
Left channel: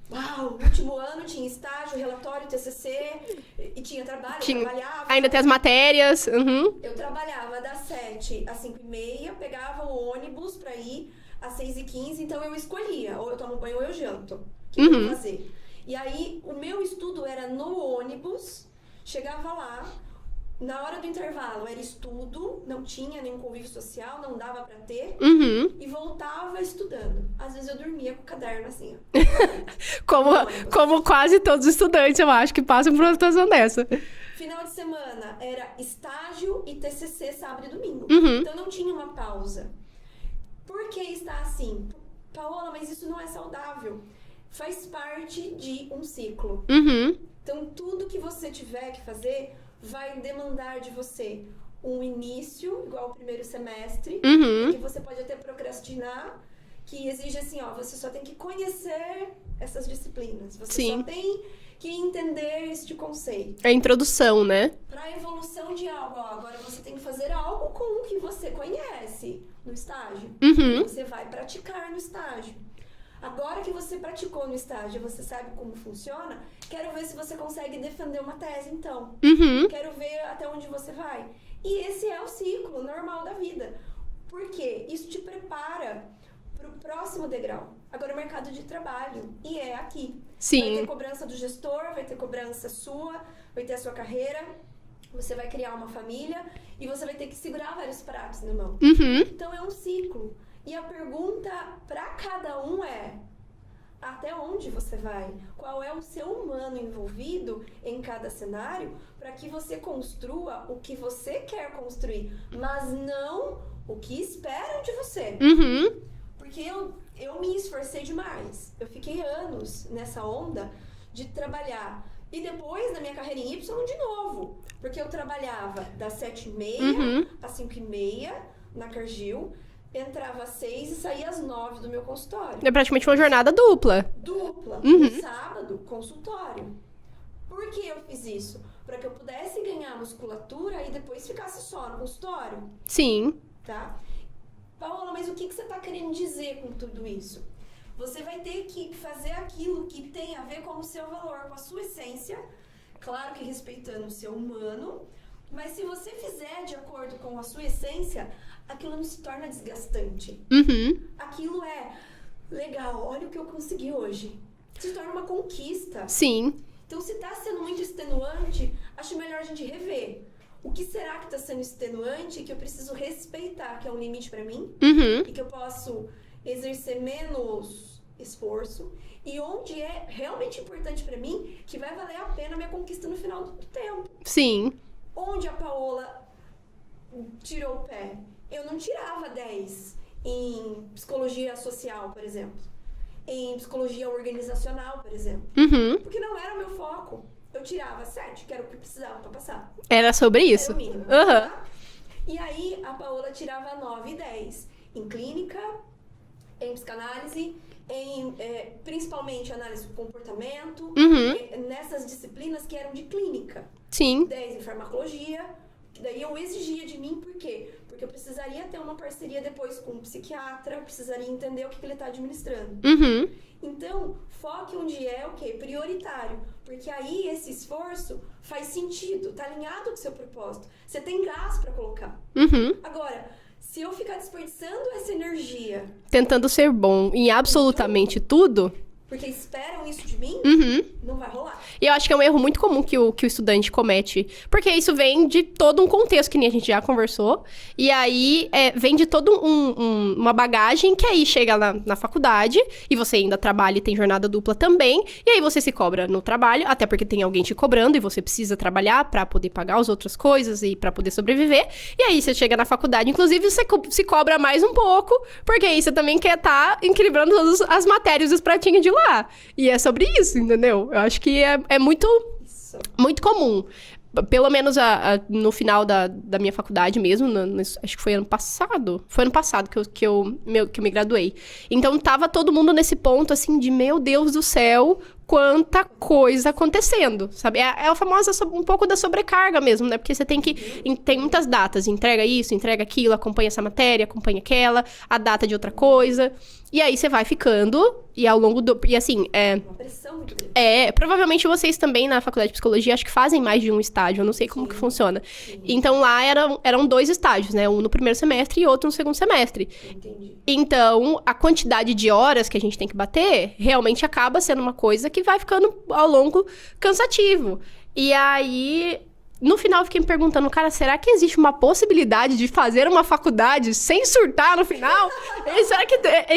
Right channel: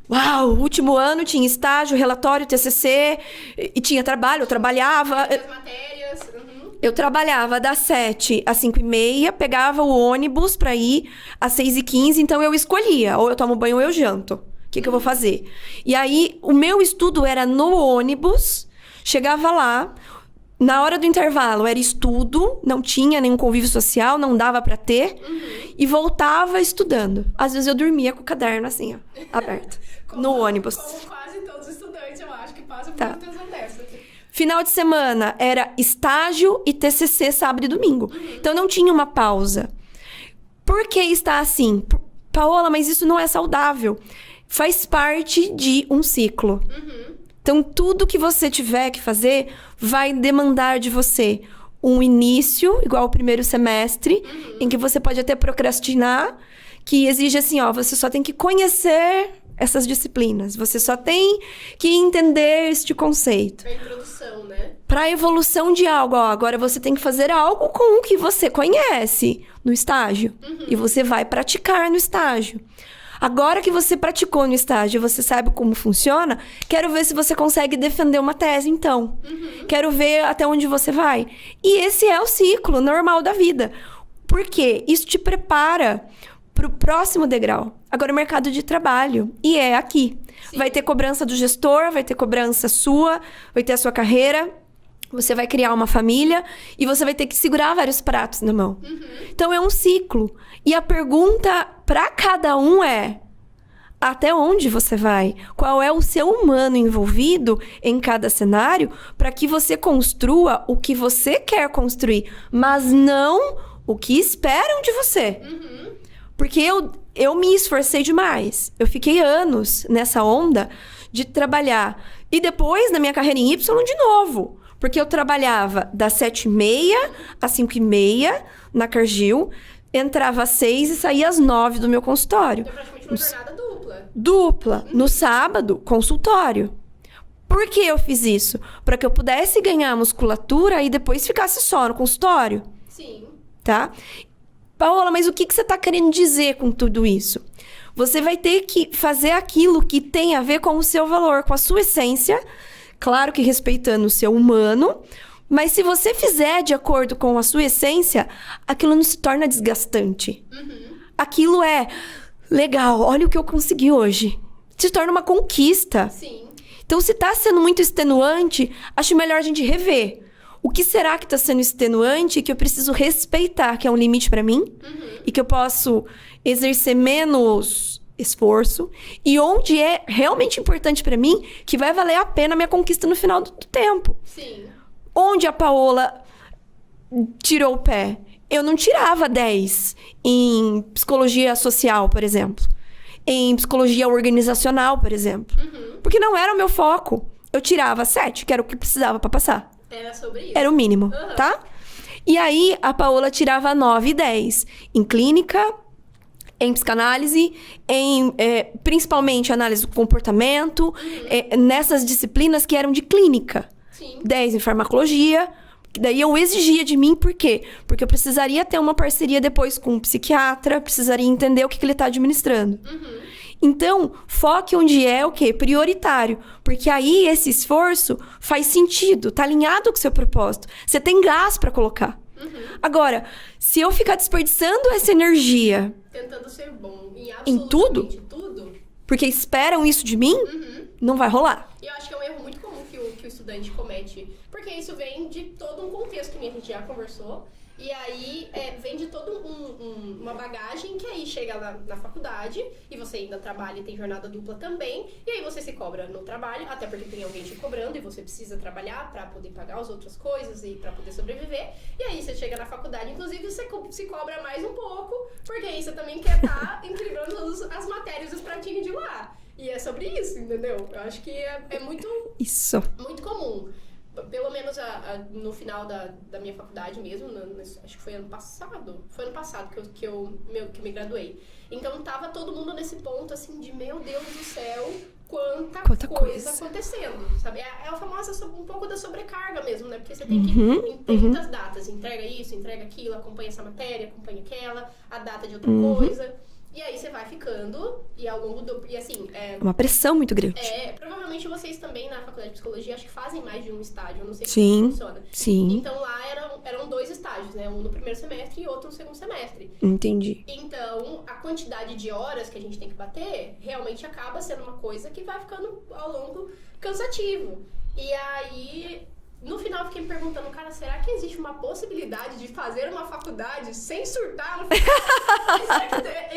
Uau, último ano tinha estágio, relatório, TCC, e tinha trabalho, eu trabalhava... Ainda tem as matérias. Uhum. Eu trabalhava das 7 às 5h30, pegava o ônibus pra ir às 6h15, então eu escolhia, ou eu tomo banho ou eu janto. O que que eu vou fazer? E aí, o meu estudo era no ônibus, chegava lá, na hora do intervalo era estudo, não tinha nenhum convívio social, não dava pra ter, e voltava estudando. Às vezes eu dormia com o caderno assim, ó, aberto, no ônibus. Como quase todos os estudantes, eu acho, que passam por uma situação dessa. Final de semana era estágio e TCC sábado e domingo. Então não tinha uma pausa. Por que está assim? Paola, mas isso não é saudável. Faz parte de um ciclo. Uhum. Então, tudo que você tiver que fazer vai demandar de você um início, igual o primeiro semestre, em que você pode até procrastinar, que exige assim, ó, você só tem que conhecer essas disciplinas. Você Sim. só tem que entender este conceito. É a introdução, né? Para a evolução de algo, ó, agora você tem que fazer algo com o que você conhece no estágio. E você vai praticar no estágio. Agora que você praticou no estágio, você sabe como funciona, quero ver se você consegue defender uma tese, então. Quero ver até onde você vai. E esse é o ciclo normal da vida. Por quê? Isso te prepara para o próximo degrau. Agora, o mercado de trabalho. E é aqui. Sim. Vai ter cobrança do gestor, vai ter cobrança sua, vai ter a sua carreira. Você vai criar uma família e você vai ter que segurar vários pratos na mão. Então, é um ciclo. E a pergunta para cada um é: até onde você vai? Qual é o seu humano envolvido em cada cenário para que você construa o que você quer construir, mas não o que esperam de você? Porque eu me esforcei demais. Eu fiquei anos nessa onda de trabalhar. E depois, na minha carreira em Y, de novo. Porque eu trabalhava das 7h30 às 5h30 na Cargill. Entrava às 6 e saía às 9 do meu consultório. É praticamente uma jornada dupla. Dupla. No sábado, consultório. Por que eu fiz isso? Para que eu pudesse ganhar musculatura e depois ficasse só no consultório. Sim. Tá? Paola, mas o que você está querendo dizer com tudo isso? Você vai ter que fazer aquilo que tem a ver com o seu valor, com a sua essência. Claro que respeitando o seu humano. Mas se você fizer de acordo com a sua essência, aquilo não se torna desgastante. Aquilo é legal, olha o que eu consegui hoje. Se torna uma conquista. Sim. Então, se tá sendo muito extenuante, acho melhor a gente rever. O que será que tá sendo extenuante que eu preciso respeitar, que é um limite pra mim? E que eu posso exercer menos esforço. E onde é realmente importante pra mim, que vai valer a pena a minha conquista no final do tempo. Sim. Onde a Paola tirou o pé? Eu não tirava 10 em psicologia social, por exemplo. Em psicologia organizacional, por exemplo. Porque não era o meu foco. Eu tirava 7, que era o que precisava pra passar. Era sobre isso? Era o mínimo, tá? E aí, a Paola tirava 9 e 10. Em clínica, em psicanálise, em principalmente análise do comportamento. Nessas disciplinas que eram de clínica. Sim. 10 em farmacologia, Daí eu exigia de mim, por quê? Porque eu precisaria ter uma parceria depois com um psiquiatra, precisaria entender o que ele está administrando. Uhum. Então, foque onde é o quê? Prioritário. Porque aí esse esforço faz sentido, tá alinhado com o seu propósito. Você tem gás para colocar. Uhum. Agora, se eu ficar desperdiçando essa energia... Tentando ser bom em absolutamente tudo... Porque esperam isso de mim, não vai rolar. E eu acho que é um erro muito comum que o estudante comete. Porque isso vem de todo um contexto, que nem a gente já conversou. E aí, vem de toda uma bagagem que aí chega na faculdade. E você ainda trabalha e tem jornada dupla também. E aí você se cobra no trabalho, até porque tem alguém te cobrando. E você precisa trabalhar pra poder pagar as outras coisas e pra poder sobreviver. E aí você chega na faculdade, inclusive você se cobra mais um pouco. Porque aí você também quer estar equilibrando todas as matérias e os pratinhos de lá. E é sobre isso, entendeu? Eu acho que é muito muito comum. Pelo menos no final da minha faculdade mesmo, acho que foi ano passado. Foi ano passado que eu me graduei. Então, tava todo mundo nesse ponto, assim, de meu Deus do céu... Quanta coisa acontecendo, sabe? É a famosa, um pouco da sobrecarga mesmo, né? Porque você tem que... Tem muitas datas. Entrega isso, entrega aquilo, acompanha essa matéria, acompanha aquela, a data de outra coisa. E aí você vai ficando, e ao longo do... E assim, uma pressão muito grande. Provavelmente vocês também, na faculdade de psicologia, acho que fazem mais de um estágio. Eu não sei como que funciona. Sim. Então, lá eram 2 estágios, né? Um no primeiro semestre e outro no segundo semestre. Entendi. Então, a quantidade de horas que a gente tem que bater, realmente acaba sendo uma coisa que vai ficando, ao longo, cansativo. E aí... No final, eu fiquei me perguntando, cara, será que existe uma possibilidade de fazer uma faculdade sem surtar no final?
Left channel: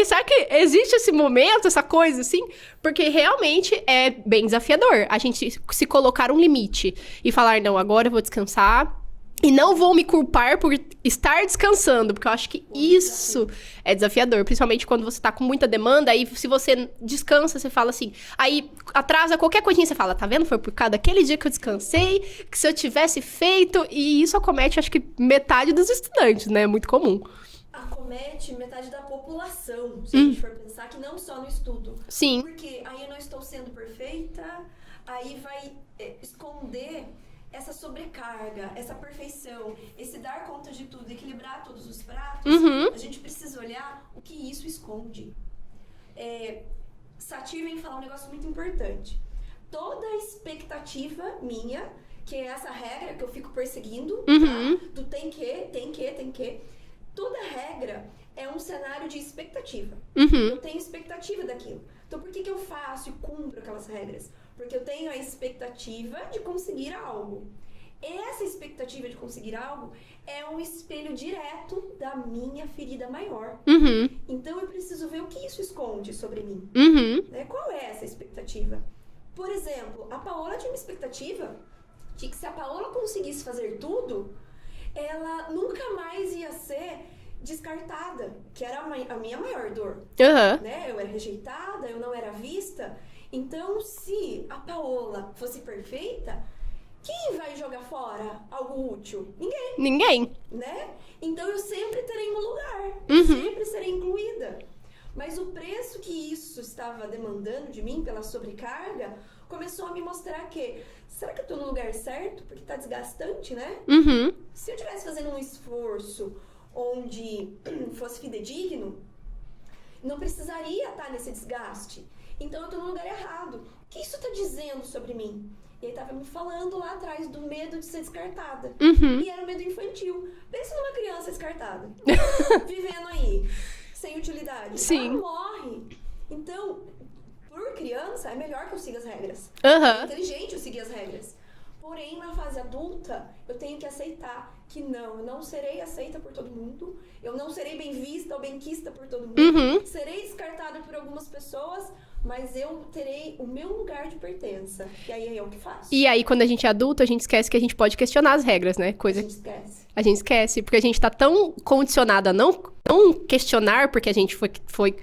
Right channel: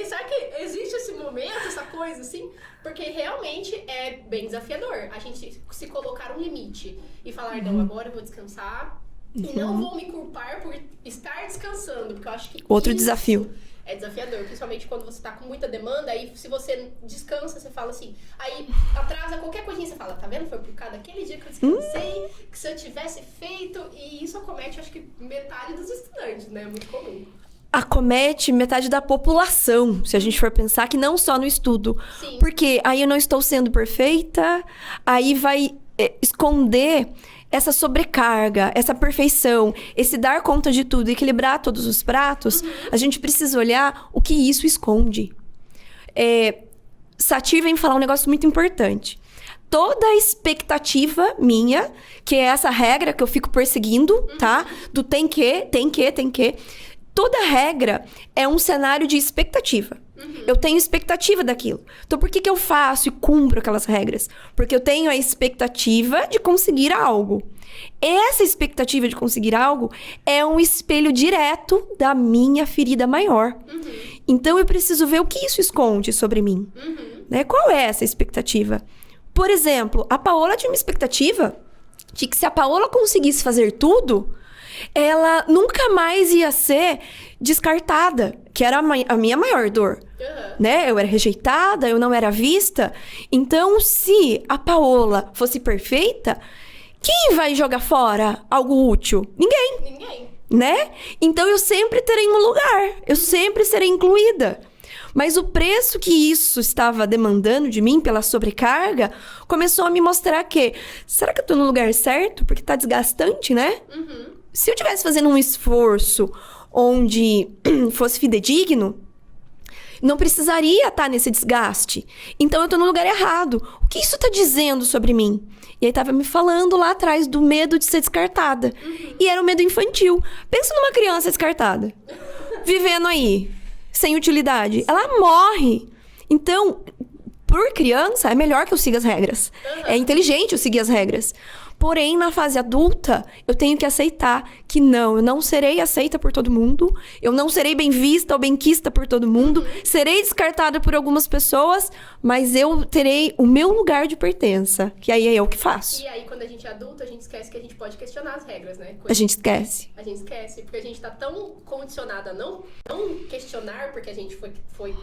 será que existe esse momento, essa coisa, assim? Porque realmente é bem desafiador a gente se colocar um limite e falar, não, agora eu vou descansar. E não vou me culpar por estar descansando, porque eu acho que outro isso desafio. É desafiador. Principalmente quando você tá com muita demanda, aí se você descansa, você fala assim... Aí atrasa qualquer coisinha, você fala, tá vendo? Foi por causa daquele dia que eu descansei, que se eu tivesse feito... E isso acomete, acho que metade dos estudantes, né? É muito comum. Acomete metade da população, se a gente for pensar, que não só no estudo. Sim. Porque aí eu não estou sendo perfeita, aí vai esconder... essa sobrecarga, essa perfeição, esse dar conta de tudo, equilibrar todos os pratos, a gente precisa olhar o que isso esconde. Satir vem falar um negócio muito importante. Toda a expectativa minha, que é essa regra que eu fico perseguindo, tá? Do tem que... Toda regra é um cenário de expectativa. Eu tenho expectativa daquilo. Então, por que eu faço e cumpro aquelas regras? Porque eu tenho a expectativa de conseguir algo. Essa expectativa de conseguir algo é um espelho direto da minha ferida maior. Então, eu preciso ver o que isso esconde sobre mim. Né? Qual é essa expectativa? Por exemplo, a Paola tinha uma expectativa de que se a Paola conseguisse fazer tudo... ela nunca mais ia ser descartada, que era a minha maior dor, né? Eu era rejeitada, eu não era vista. Então, se a Paola fosse perfeita, quem vai jogar fora algo útil? Ninguém. Né? Então, eu sempre terei um lugar, eu sempre serei incluída. Mas o preço que isso estava demandando de mim pela sobrecarga começou a me mostrar que... será que eu tô no lugar certo? Porque tá desgastante, né? Se eu estivesse fazendo um esforço onde fosse fidedigno, não precisaria estar nesse desgaste. Então, eu tô no lugar errado. O que isso tá dizendo sobre mim? E aí, tava me falando lá atrás do medo de ser descartada. E era um medo infantil. Pensa numa criança descartada. Vivendo aí... sem utilidade. Sim. Ela morre. Então, por criança, é melhor que eu siga as regras. É inteligente eu seguir as regras. Porém, na fase adulta, eu tenho que aceitar que não, eu não serei aceita por todo mundo. Eu não serei bem vista ou bem quista por todo mundo. Serei descartada por algumas pessoas, mas eu terei o meu lugar de pertença. Que aí é eu que faço. E aí, quando a gente é adulto, a gente esquece que a gente pode questionar as regras, né? A gente esquece. A gente esquece, porque a gente tá tão condicionada a não questionar, porque a gente foi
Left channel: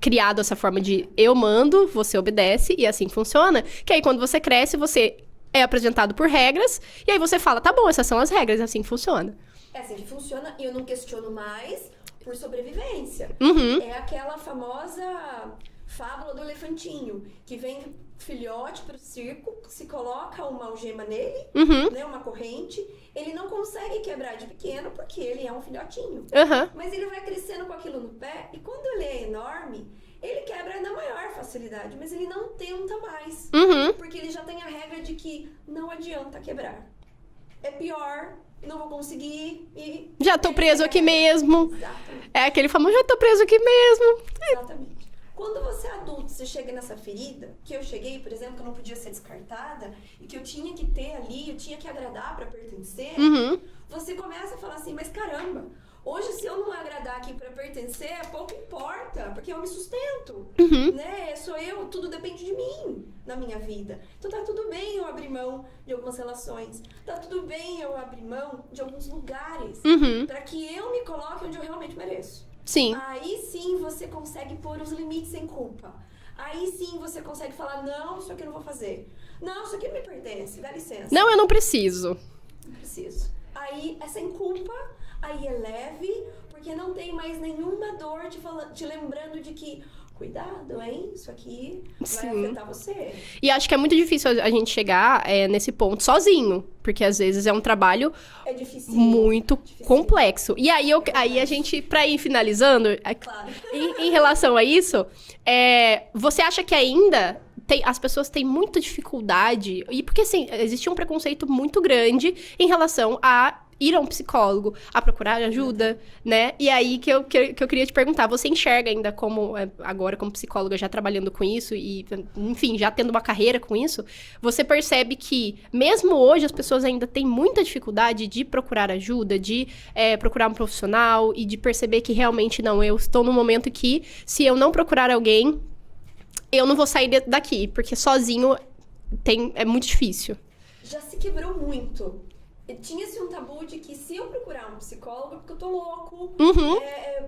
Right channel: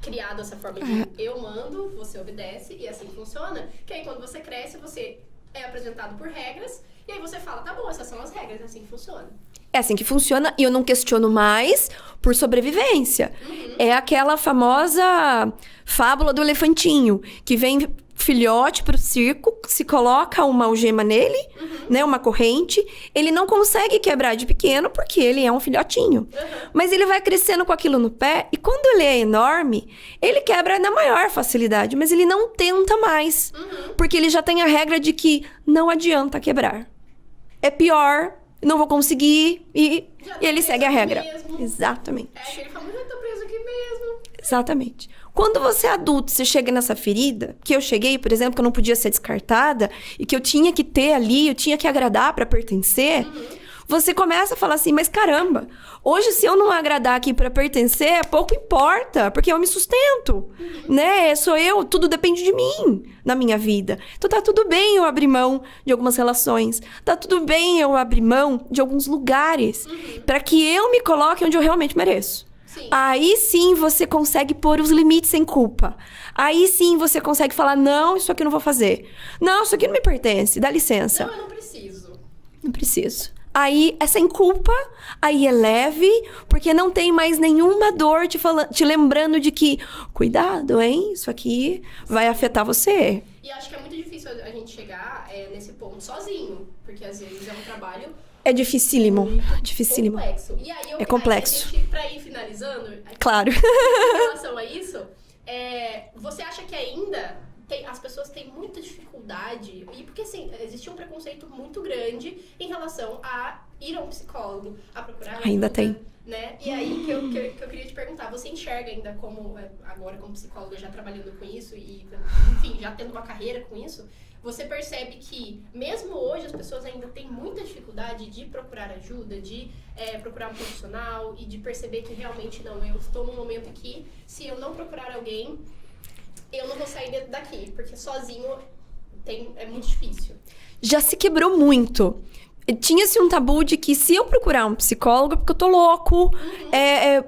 criado essa forma de eu mando, você obedece, e assim funciona. Que aí, quando você cresce, você é apresentado por regras, e aí você fala, tá bom, essas são as regras, assim que funciona. É assim que funciona, e eu não questiono mais por sobrevivência. É aquela famosa fábula do elefantinho, que vem filhote pro circo, se coloca uma algema nele, né? Uma corrente. Ele não consegue quebrar de pequeno porque ele é um filhotinho. Mas ele vai crescendo com aquilo no pé e quando ele é enorme, ele quebra na maior facilidade. Mas ele não tenta mais. Porque ele já tem a regra de que não adianta quebrar. É pior, não vou conseguir e já tô ele preso segue a aqui regra. mesmo. Exatamente. É aquele famoso, já tô preso aqui mesmo. Exatamente. Quando você é adulto, você chega nessa ferida, que eu cheguei, por exemplo, que eu não podia ser descartada, e que eu tinha que ter ali, eu tinha que agradar pra pertencer, você começa a falar assim, mas caramba, hoje se eu não agradar aqui pra pertencer, pouco importa, porque eu me sustento, né? Sou eu, tudo depende de mim na minha vida. Então tá tudo bem eu abrir mão de algumas relações, tá tudo bem eu abrir mão de alguns lugares, pra que eu me coloque onde eu realmente mereço. Sim. Aí sim você consegue pôr os limites sem culpa. Aí sim você consegue falar, não, isso aqui eu não vou fazer. Não, isso aqui não me pertence, dá licença. Não, eu não preciso. Não preciso. Aí é sem culpa, aí é leve, porque não tem mais nenhuma dor te lembrando de que, cuidado, hein? Isso aqui vai afetar você. E acho que é muito difícil a gente chegar nesse ponto sozinho. Porque às vezes é um trabalho é dificílimo, muito dificílimo. Complexo. E aí, aí a gente, pra ir finalizando, claro, em relação a isso, você acha que ainda as pessoas têm muita dificuldade? E porque, assim, existe um preconceito muito grande em relação a ir a um psicólogo, a procurar ajuda, né? E aí que eu queria te perguntar, você enxerga ainda como, agora como psicóloga, já trabalhando com isso e, enfim, já tendo uma carreira com isso, você percebe que, mesmo hoje, as pessoas ainda têm muita dificuldade de procurar ajuda, de procurar um profissional e de perceber que realmente, não, eu estou num momento que, se eu não procurar alguém, eu não vou sair daqui, porque sozinho é muito difícil. Já se quebrou muito. Tinha-se um tabu de que se eu procurar um psicólogo, é porque eu tô louco.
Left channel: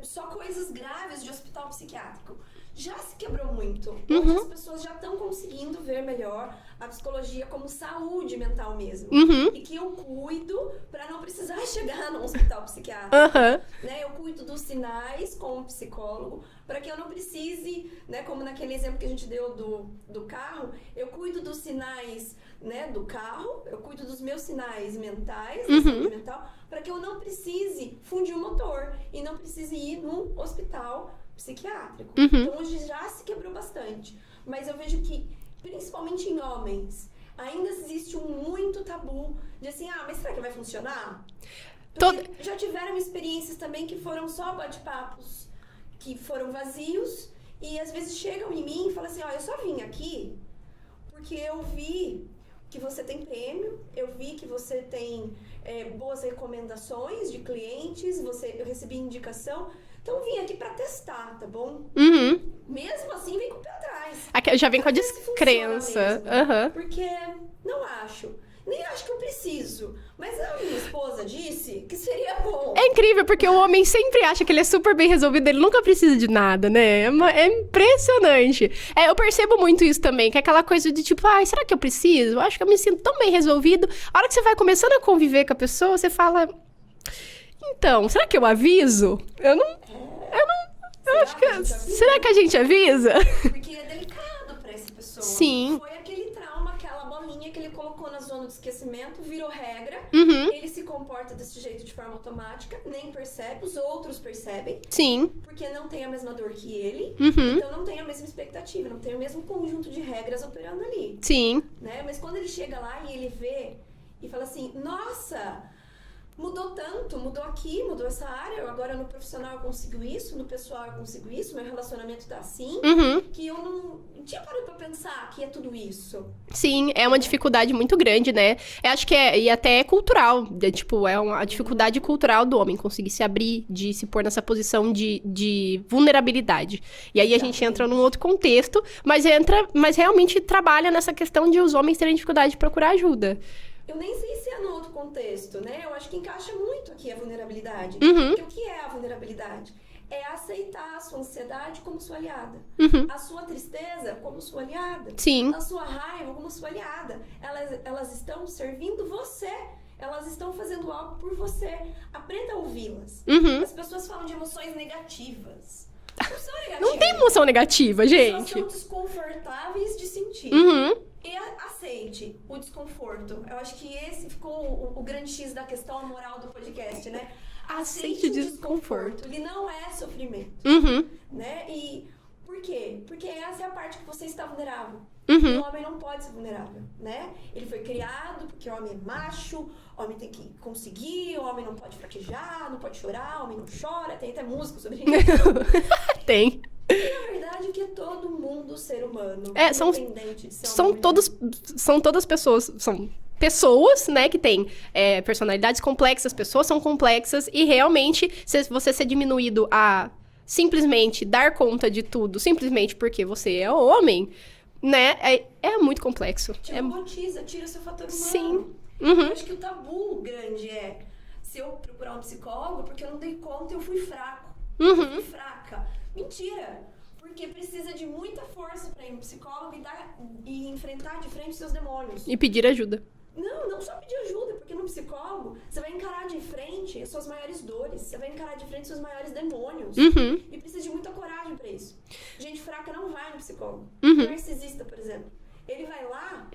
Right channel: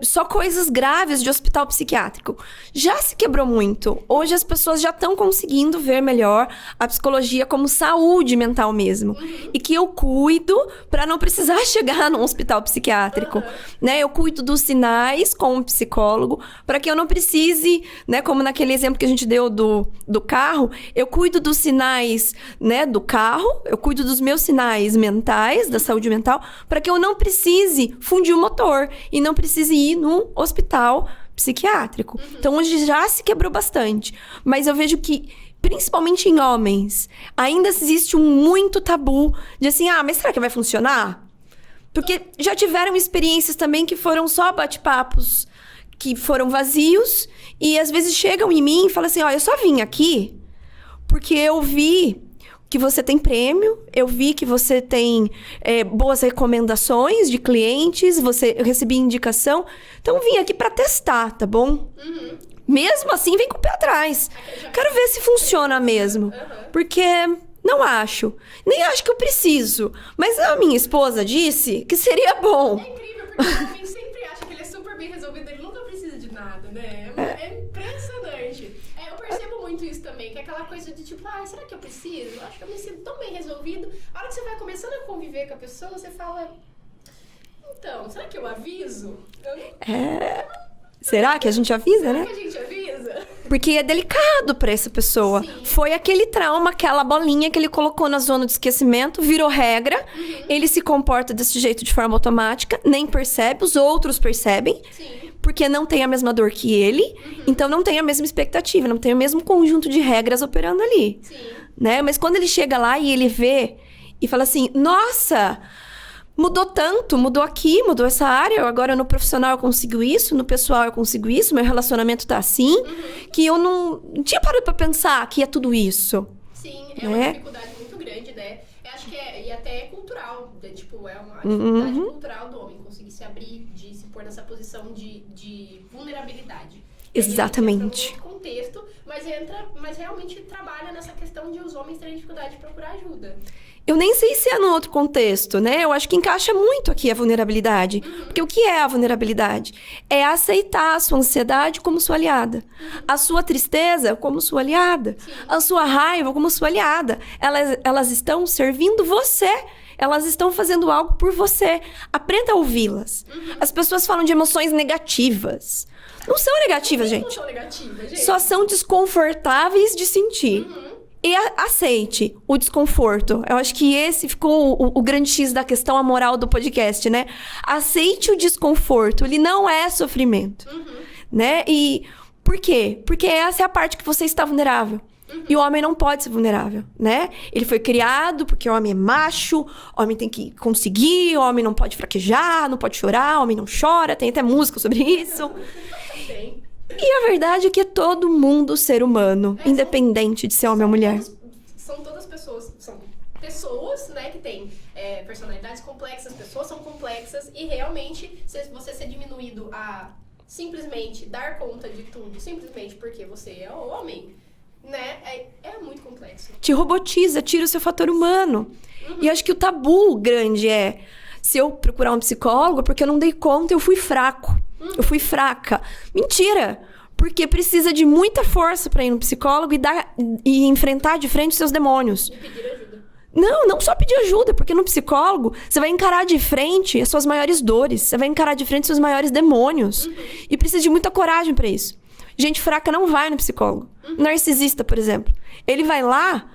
Só coisas graves de hospital psiquiátrico. Já se quebrou muito. Hoje as pessoas já estão conseguindo ver melhor a psicologia como saúde mental mesmo. E que eu cuido pra não precisar chegar num hospital psiquiátrico. Né? Eu cuido dos sinais com um psicólogo pra que eu não precise, né? Como naquele exemplo que a gente deu do carro. Eu cuido dos sinais, né, do carro. Eu cuido dos meus sinais mentais, da saúde mental, para que eu não precise fundir o motor e não precise ir num hospital psiquiátrico. Então, hoje já se quebrou bastante. Mas eu vejo que, principalmente em homens, ainda existe muito tabu de assim, mas será que vai funcionar? Porque já tiveram experiências também que foram só bate-papos, que foram vazios, e às vezes chegam em mim e falam assim, eu só vim aqui porque eu vi que você tem prêmio, eu vi que você tem boas recomendações de clientes, eu recebi indicação, então vim aqui pra testar, tá bom? Mesmo assim, vem com o pé atrás. Já quero ver se funciona mesmo. Porque não acho. Nem acho que eu preciso. Mas a minha esposa disse que seria bom. É incrível, porque o homem sempre acha que ele é super bem resolvido, ele nunca precisa de nada, né? É impressionante. Eu percebo muito isso também, que é aquela coisa de tipo, será que eu preciso? Eu acho que eu me sinto tão bem resolvido. A hora que você vai começando a conviver com a pessoa, você fala, então, será que eu aviso? Será que a gente avisa? Será que a gente avisa? Porque é delicado pra essa pessoa. Sim. Foi aquele trauma, aquela bolinha que ele colocou na zona de esquecimento, virou regra. Ele se comporta desse jeito de forma automática, nem percebe, os outros percebem. Sim. Porque não tem a mesma dor que ele. Então não tem a mesma expectativa, não tem o mesmo conjunto de regras operando ali. Sim. Né? Mas quando ele chega lá e ele vê e fala assim, nossa, mudou tanto, mudou aqui, mudou essa área, agora no profissional eu consigo isso, no pessoal eu consigo isso, meu relacionamento tá assim, que eu não tinha parado pra pensar que é tudo isso. Sim, é uma dificuldade muito grande, né? Eu acho que e até é cultural, é uma dificuldade cultural do homem conseguir se abrir, de se pôr nessa posição de vulnerabilidade. E aí a gente entra num outro contexto, mas realmente trabalha nessa questão de os homens terem dificuldade de procurar ajuda. Eu nem sei se é num outro contexto, né? Eu acho que encaixa muito aqui a vulnerabilidade. Porque o que é a vulnerabilidade? É aceitar a sua ansiedade como sua aliada. A sua tristeza como sua aliada. Sim. A sua raiva como sua aliada. Elas estão servindo você. Elas estão fazendo algo por você. Aprenda a ouvi-las. As pessoas falam de emoções negativas. Não são Não negativas, tem gente. emoção negativa, gente. Só são desconfortáveis de sentir. E aceite o desconforto. Eu acho que esse ficou o grande X da questão, a moral do podcast, né? Aceite o desconforto. Ele não é sofrimento, né? E por quê? Porque essa é a parte que você está vulnerável. E o homem não pode ser vulnerável, né? Ele foi criado porque o homem é macho, o homem tem que conseguir, o homem não pode fraquejar, não pode chorar, o homem não chora. Tem até música sobre isso. Tem. E a verdade é que é todo mundo ser humano, independente de ser homem ou mulher. São todas pessoas, são pessoas, né, que têm personalidades complexas, pessoas são complexas, e realmente, se você ser diminuído a simplesmente dar conta de tudo, simplesmente porque você é homem, né, é muito complexo. Te robotiza, tira o seu fator humano. E acho que o tabu grande é... Se eu procurar um psicólogo, porque eu não dei conta, eu fui fraco. Eu fui fraca. Mentira! Porque precisa de muita força pra ir no psicólogo e enfrentar de frente os seus demônios. E pedir ajuda. Não só pedir ajuda, porque no psicólogo você vai encarar de frente as suas maiores dores. Você vai encarar de frente os seus maiores demônios. E precisa de muita coragem pra isso. Gente fraca não vai no psicólogo. Narcisista, por exemplo. Ele vai lá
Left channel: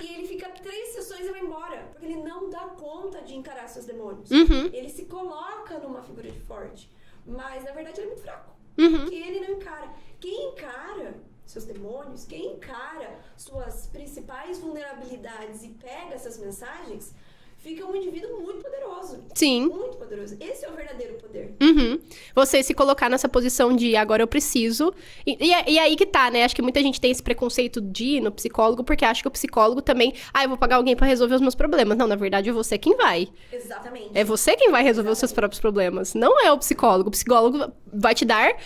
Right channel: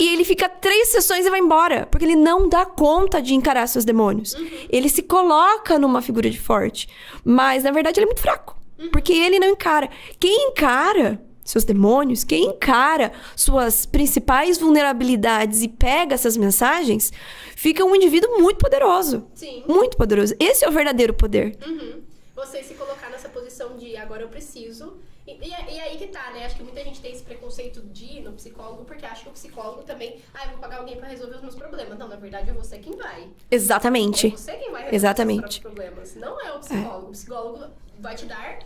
e ele fica 3 sessões e vai embora. Porque ele não dá conta de encarar seus demônios. Ele se coloca numa figura de forte. Mas, na verdade, ele é muito fraco. Porque ele não encara. Quem encara seus demônios, quem encara suas principais vulnerabilidades e pega essas mensagens, fica um indivíduo muito poderoso. Sim. Muito poderoso. Esse é o verdadeiro poder. Você se colocar nessa posição de agora eu preciso. E aí que tá, né? Acho que muita gente tem esse preconceito de ir no psicólogo, porque acha que o psicólogo também... eu vou pagar alguém pra resolver os meus problemas. Não, na verdade é você quem vai. Exatamente. É você quem vai resolver os seus próprios problemas. Não é o psicólogo. O psicólogo vai te dar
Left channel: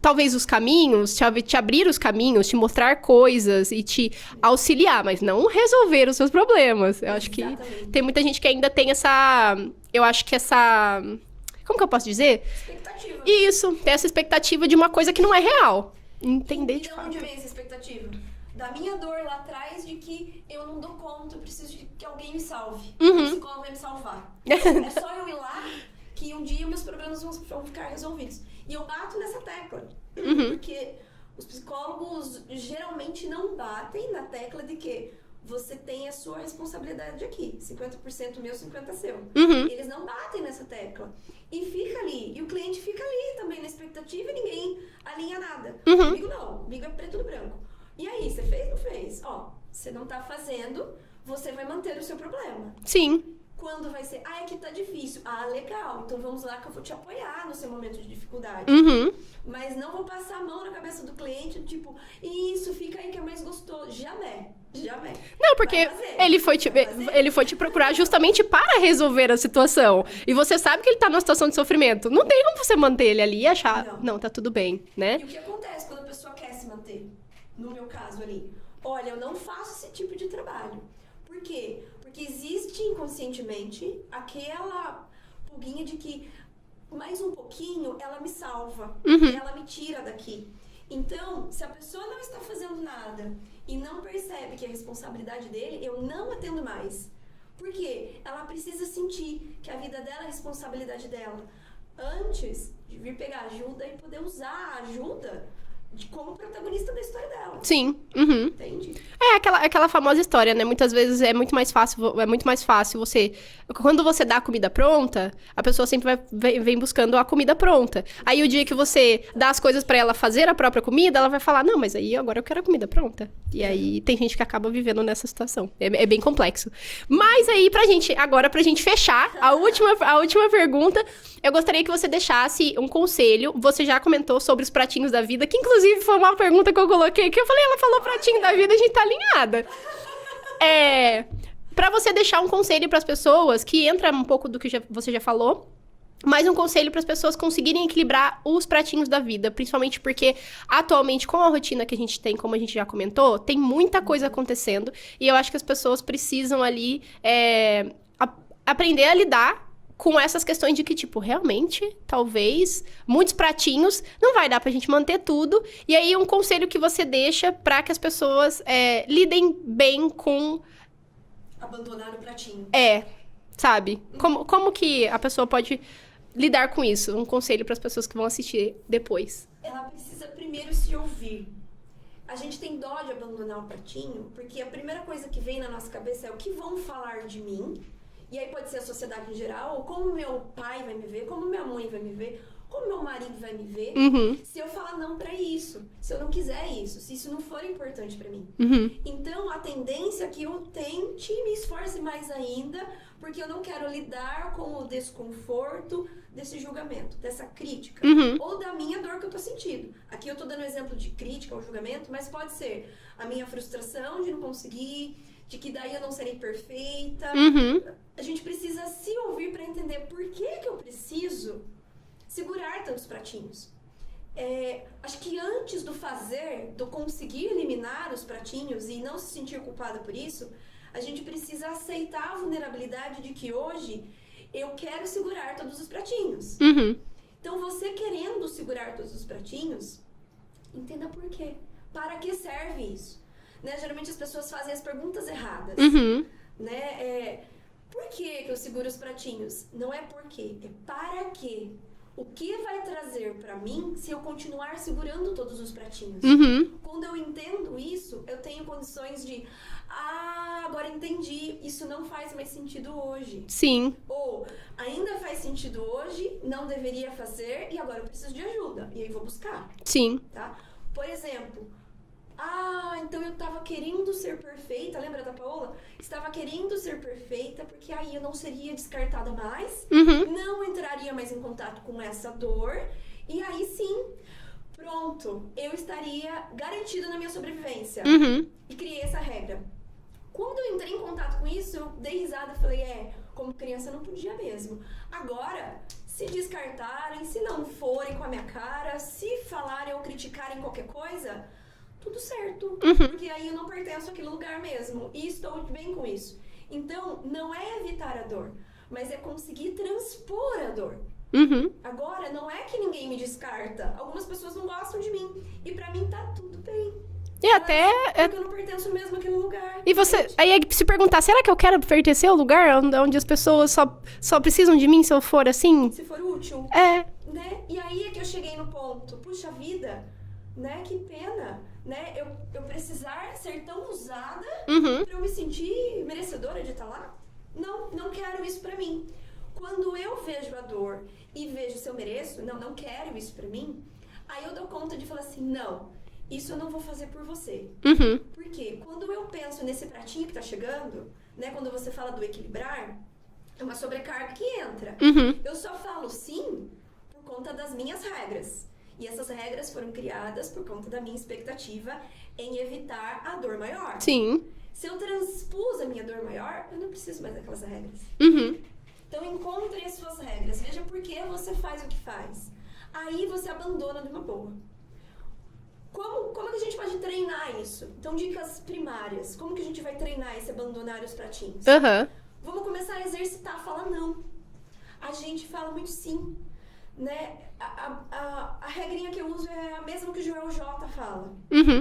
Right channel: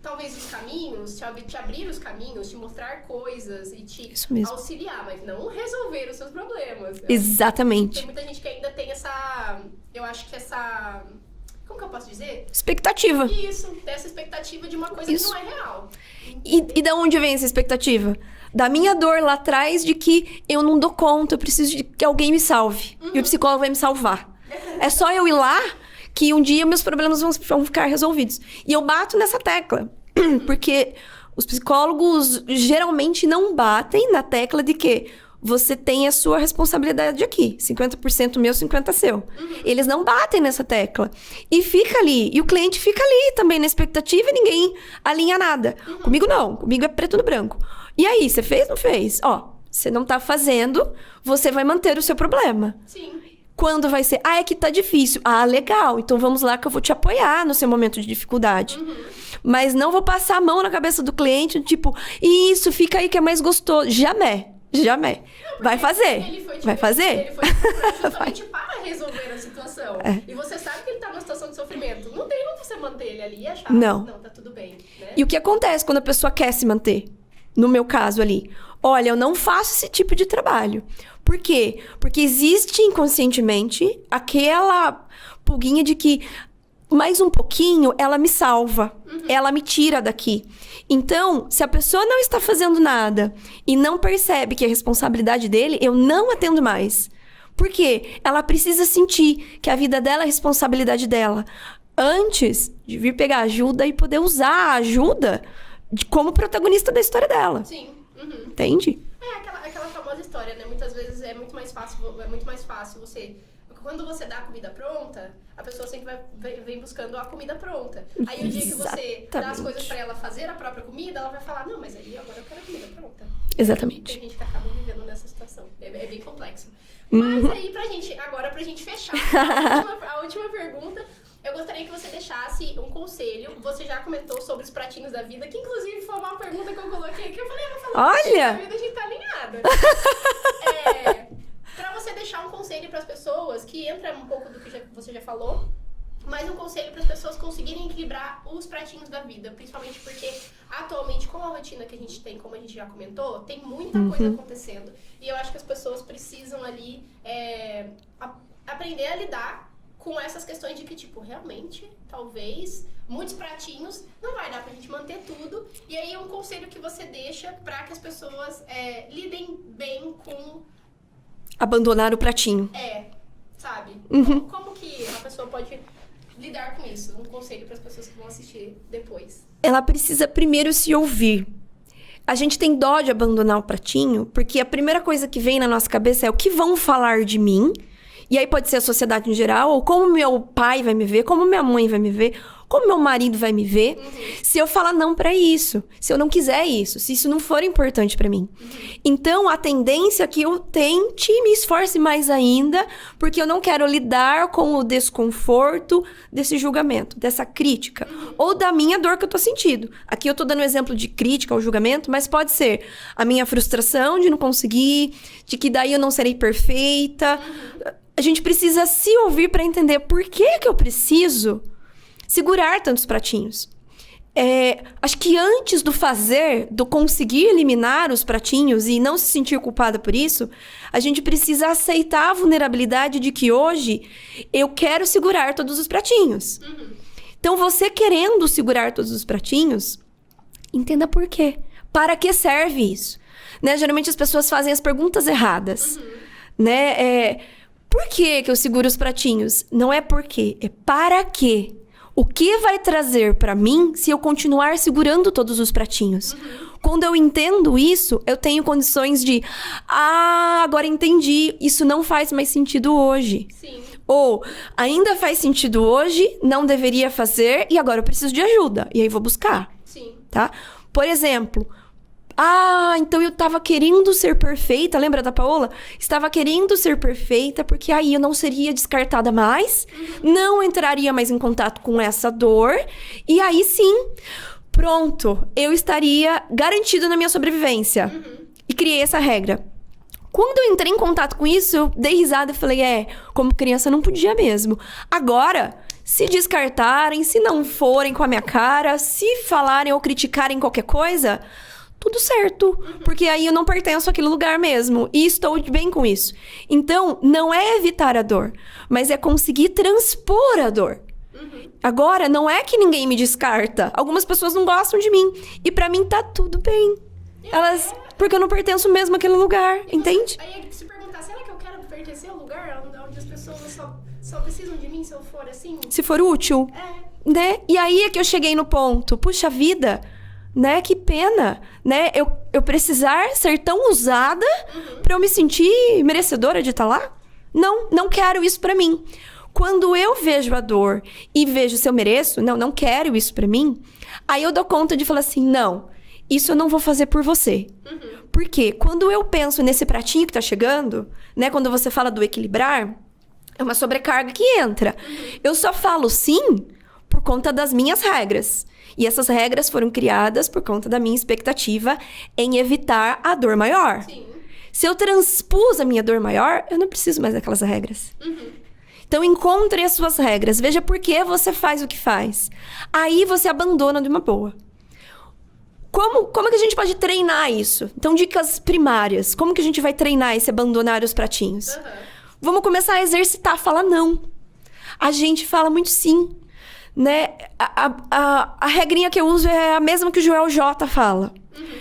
talvez os caminhos, te abrir os caminhos, te mostrar coisas e te auxiliar, mas não resolver os seus problemas. Exatamente. Tem muita gente que ainda tem essa... Eu acho que essa... Como que eu posso dizer? Expectativa. Isso, tem essa expectativa de uma coisa que não é real. E da onde vem essa expectativa? Da minha dor lá atrás de que eu não dou conta, eu preciso de que alguém me salve. E o psicólogo vai me salvar. É só eu ir lá que um dia meus problemas vão ficar resolvidos. E eu bato nessa tecla. Porque os psicólogos geralmente não batem na tecla de que você tem a sua responsabilidade aqui. 50% meu, 50% seu. Eles não batem nessa tecla. E fica ali. E o cliente fica ali também na expectativa e ninguém alinha nada. Comigo não. Comigo é preto no branco. E aí, você fez ou não fez? Você não tá fazendo, você vai manter o seu problema. Sim. Quando vai ser? É que tá difícil. Legal. Então vamos lá que eu vou te apoiar no seu momento de dificuldade. Mas não vou passar a mão na cabeça do cliente, tipo, isso, fica aí que é mais gostoso. Jamais. Não, porque vai fazer. Ele foi te procurar justamente para resolver a situação. E você sabe que ele tá numa situação de sofrimento. Não tem como você manter ele ali e achar, não, tá tudo bem, né? E o que acontece quando a pessoa quer se manter? No meu caso ali. Olha, eu não faço esse tipo de trabalho. Por quê? Porque existe inconscientemente aquela pulguinha de que mais um pouquinho ela me salva, ela me tira daqui. Então, se a pessoa não está fazendo nada e não percebe que é responsabilidade dele, eu não atendo mais. Por quê? Ela precisa sentir que a vida dela é responsabilidade dela. Antes de vir pegar ajuda e poder usar a ajuda como protagonista da história dela. Sim. Entende? É aquela famosa história, né? Muitas vezes é muito mais fácil você... Quando você dá a comida pronta, a pessoa sempre vem buscando a comida pronta. Aí o dia que você dá as coisas pra ela fazer a própria comida, ela vai falar, não, mas aí agora eu quero a comida pronta. E aí tem gente que acaba vivendo nessa situação. É bem complexo. Mas aí, pra gente fechar, a última pergunta, eu gostaria que você deixasse um conselho. Você já comentou sobre os pratinhos da vida, que inclusive foi uma pergunta que eu coloquei, que eu falei, ela falou pratinho da vida, a gente tá alinhada. Pra você deixar um conselho pras pessoas, que entra um pouco do que você já falou, mas um conselho para as pessoas conseguirem equilibrar os pratinhos da vida, principalmente porque atualmente, com a rotina que a gente tem, como a gente já comentou, tem muita coisa acontecendo, e eu acho que as pessoas precisam ali aprender a lidar com essas questões de que, tipo, realmente, talvez, muitos pratinhos, não vai dar pra gente manter tudo. E aí, um conselho que você deixa para que as pessoas lidem bem com... Abandonar o pratinho. Sabe? Como que a pessoa pode lidar com isso? Um conselho para as pessoas que vão assistir depois. Ela precisa primeiro se ouvir. A gente tem dó de abandonar o pratinho, porque a primeira coisa que vem na nossa cabeça é o que vão falar de mim. E aí pode ser a sociedade em geral, ou como meu pai vai me ver, como minha mãe vai me ver, como meu marido vai me ver, se eu falar não pra isso, se eu não quiser isso, se isso não for importante pra mim. Então, a tendência é que eu tente e me esforce mais ainda, porque eu não quero lidar com o desconforto desse julgamento, dessa crítica, ou da minha dor que eu tô sentindo. Aqui eu tô dando um exemplo de crítica ou julgamento, mas pode ser a minha frustração de não conseguir, de que daí eu não serei perfeita. A gente precisa se ouvir pra entender por que eu preciso segurar tantos pratinhos. Acho que antes do fazer, do conseguir eliminar os pratinhos e não se sentir culpada por isso, a gente precisa aceitar a vulnerabilidade de que hoje eu quero segurar todos os pratinhos. Então, você querendo segurar todos os pratinhos, entenda por quê. Para que serve isso? Né? Geralmente as pessoas fazem as perguntas erradas. Né? Por que eu seguro os pratinhos? Não é por quê, é para quê. O que vai trazer pra mim se eu continuar segurando todos os pratinhos? Quando eu entendo isso, eu tenho condições de... agora entendi. Isso não faz mais sentido hoje. Sim. Ou, ainda faz sentido hoje, não deveria fazer, e agora eu preciso de ajuda. E aí vou buscar. Sim. Tá? Por exemplo... então eu tava querendo ser perfeita, lembra da Paola? Estava querendo ser perfeita, porque aí eu não seria descartada mais, não entraria mais em contato com essa dor, e aí sim, pronto, eu estaria garantida na minha sobrevivência. E criei essa regra. Quando eu entrei em contato com isso, eu dei risada e falei, como criança não podia mesmo. Agora, se descartarem, se não forem com a minha cara, se falarem ou criticarem qualquer coisa... tudo certo, porque aí eu não pertenço àquele lugar mesmo, e estou bem com isso. Então, não é evitar a dor, mas é conseguir transpor a dor. Agora, não é que ninguém me descarta. Algumas pessoas não gostam de mim, e pra mim tá tudo bem. Porque eu não pertenço mesmo àquele lugar, e entende? você aí se perguntar, será que eu quero pertencer ao lugar onde as pessoas só precisam de mim se eu for assim? Se for útil. Né? E aí é que eu cheguei no ponto, puxa vida... né? Que pena, né? Eu precisar ser tão usada pra eu me sentir merecedora de estar lá? Não quero isso pra mim. Quando eu vejo a dor e vejo se eu mereço, não quero isso pra mim, aí eu dou conta de falar assim, não, isso eu não vou fazer por você. Porque quando eu penso nesse pratinho que tá chegando, né? Quando você fala do equilibrar, é uma sobrecarga que entra. Eu só falo sim por conta das minhas regras. E essas regras foram criadas por conta da minha expectativa em evitar a dor maior. Sim. Se eu transpus a minha dor maior, eu não preciso mais daquelas regras. Então, encontre as suas regras. Veja por que você faz o que faz. Aí, você abandona de uma boa. Como que a gente pode treinar isso? Então, dicas primárias. Como que a gente vai treinar esse abandonar os pratinhos? Vamos começar a exercitar, falar não. A gente fala muito sim. Né? A regrinha que eu uso é a mesma que o Joel J fala.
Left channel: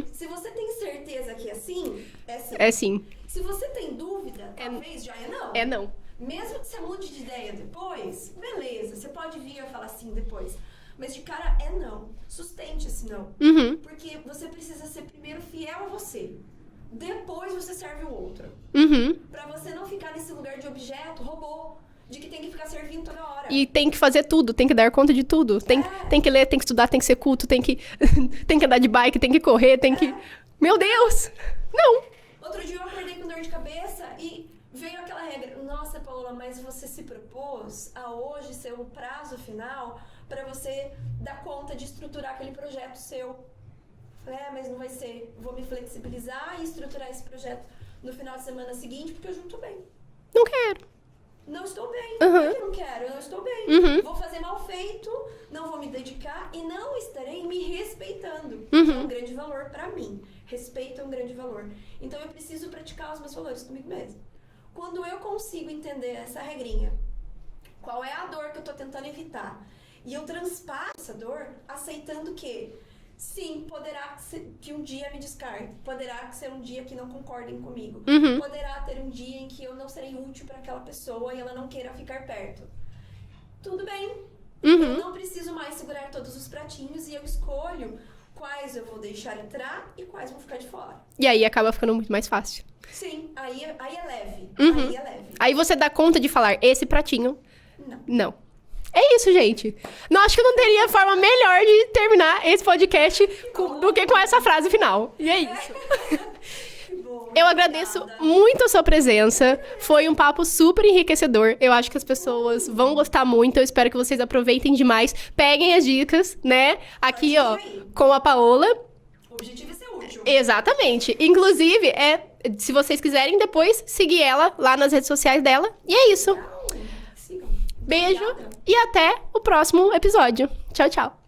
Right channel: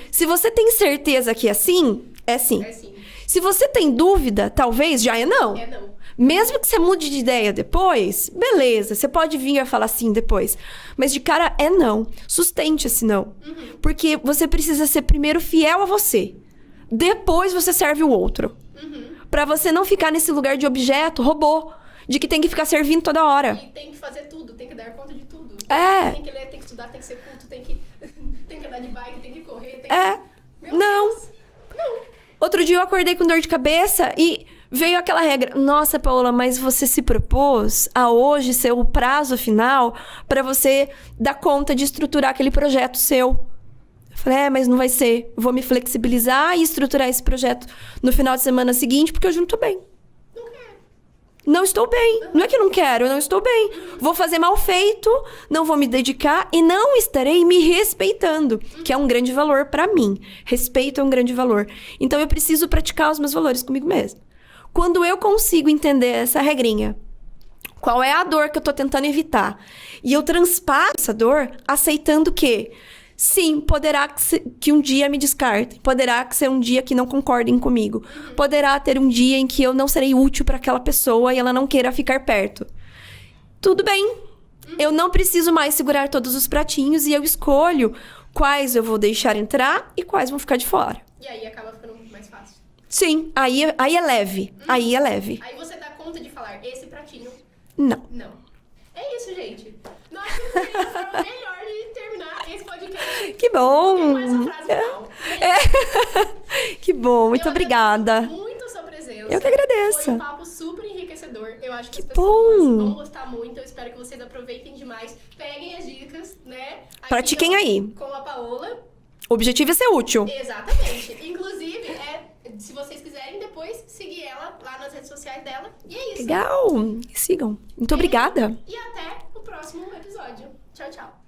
Se você tem certeza que é sim, é sim. É sim. Se você tem dúvida, talvez já é não. É não. Mesmo que você mude de ideia depois, beleza, você pode vir a falar sim depois. Mas de cara é não. Sustente esse não. Porque você precisa ser primeiro fiel a você. Depois você serve o outro. Pra você não ficar nesse lugar de objeto, robô. De que tem que ficar servindo toda hora. E tem que fazer tudo, tem que dar conta de tudo. Tem que ler, tem que estudar, tem que ser culto, tem que andar de bike, tem que correr, tem que... Meu Deus! Não! Outro dia eu acordei com dor de cabeça e veio aquela regra. Nossa, Paola, mas você se propôs a hoje ser o prazo final pra você dar conta de estruturar aquele projeto seu. Eu falei, mas não vai ser. Eu vou me flexibilizar e estruturar esse projeto no final de semana seguinte, porque hoje eu não tô bem. Não quero. Não estou bem. Não é que não quero, eu não estou bem. Vou fazer mal feito, não vou me dedicar e não estarei me respeitando, que é um grande valor pra mim. Respeito é um grande valor. Então, eu preciso praticar os meus valores comigo mesma. Quando eu consigo entender essa regrinha, qual é a dor que eu tô tentando evitar, e eu transpasso essa dor aceitando que... sim, poderá que um dia me descartem. Poderá ser um dia que não concordem comigo. Poderá ter um dia em que eu não serei útil para aquela pessoa e ela não queira ficar perto. Tudo bem. Eu não preciso mais segurar todos os pratinhos e eu escolho quais eu vou deixar entrar e quais vão ficar de fora. E aí acaba ficando muito mais fácil. Sim, aí é leve. Aí é leve. Aí você dá conta de falar, esse pratinho... Não. Não. É isso, gente. Não, acho que não teria forma melhor de terminar esse podcast Que bom. do que com essa frase final. E aí? Que bom, muito obrigada. Eu agradeço muito a sua presença. Eu que agradeço. Foi um papo super enriquecedor. Eu acho que as pessoas vão gostar muito. Eu espero que vocês aproveitem demais. Peguem as dicas, né? Aqui, Pratiquem aí. Com a Paola. O objetivo é ser útil. Exatamente. Inclusive, se vocês quiserem depois, seguir ela lá nas redes sociais dela. E é isso. Legal. Sigam. Muito Beijo obrigada. E até o próximo episódio. Tchau, tchau.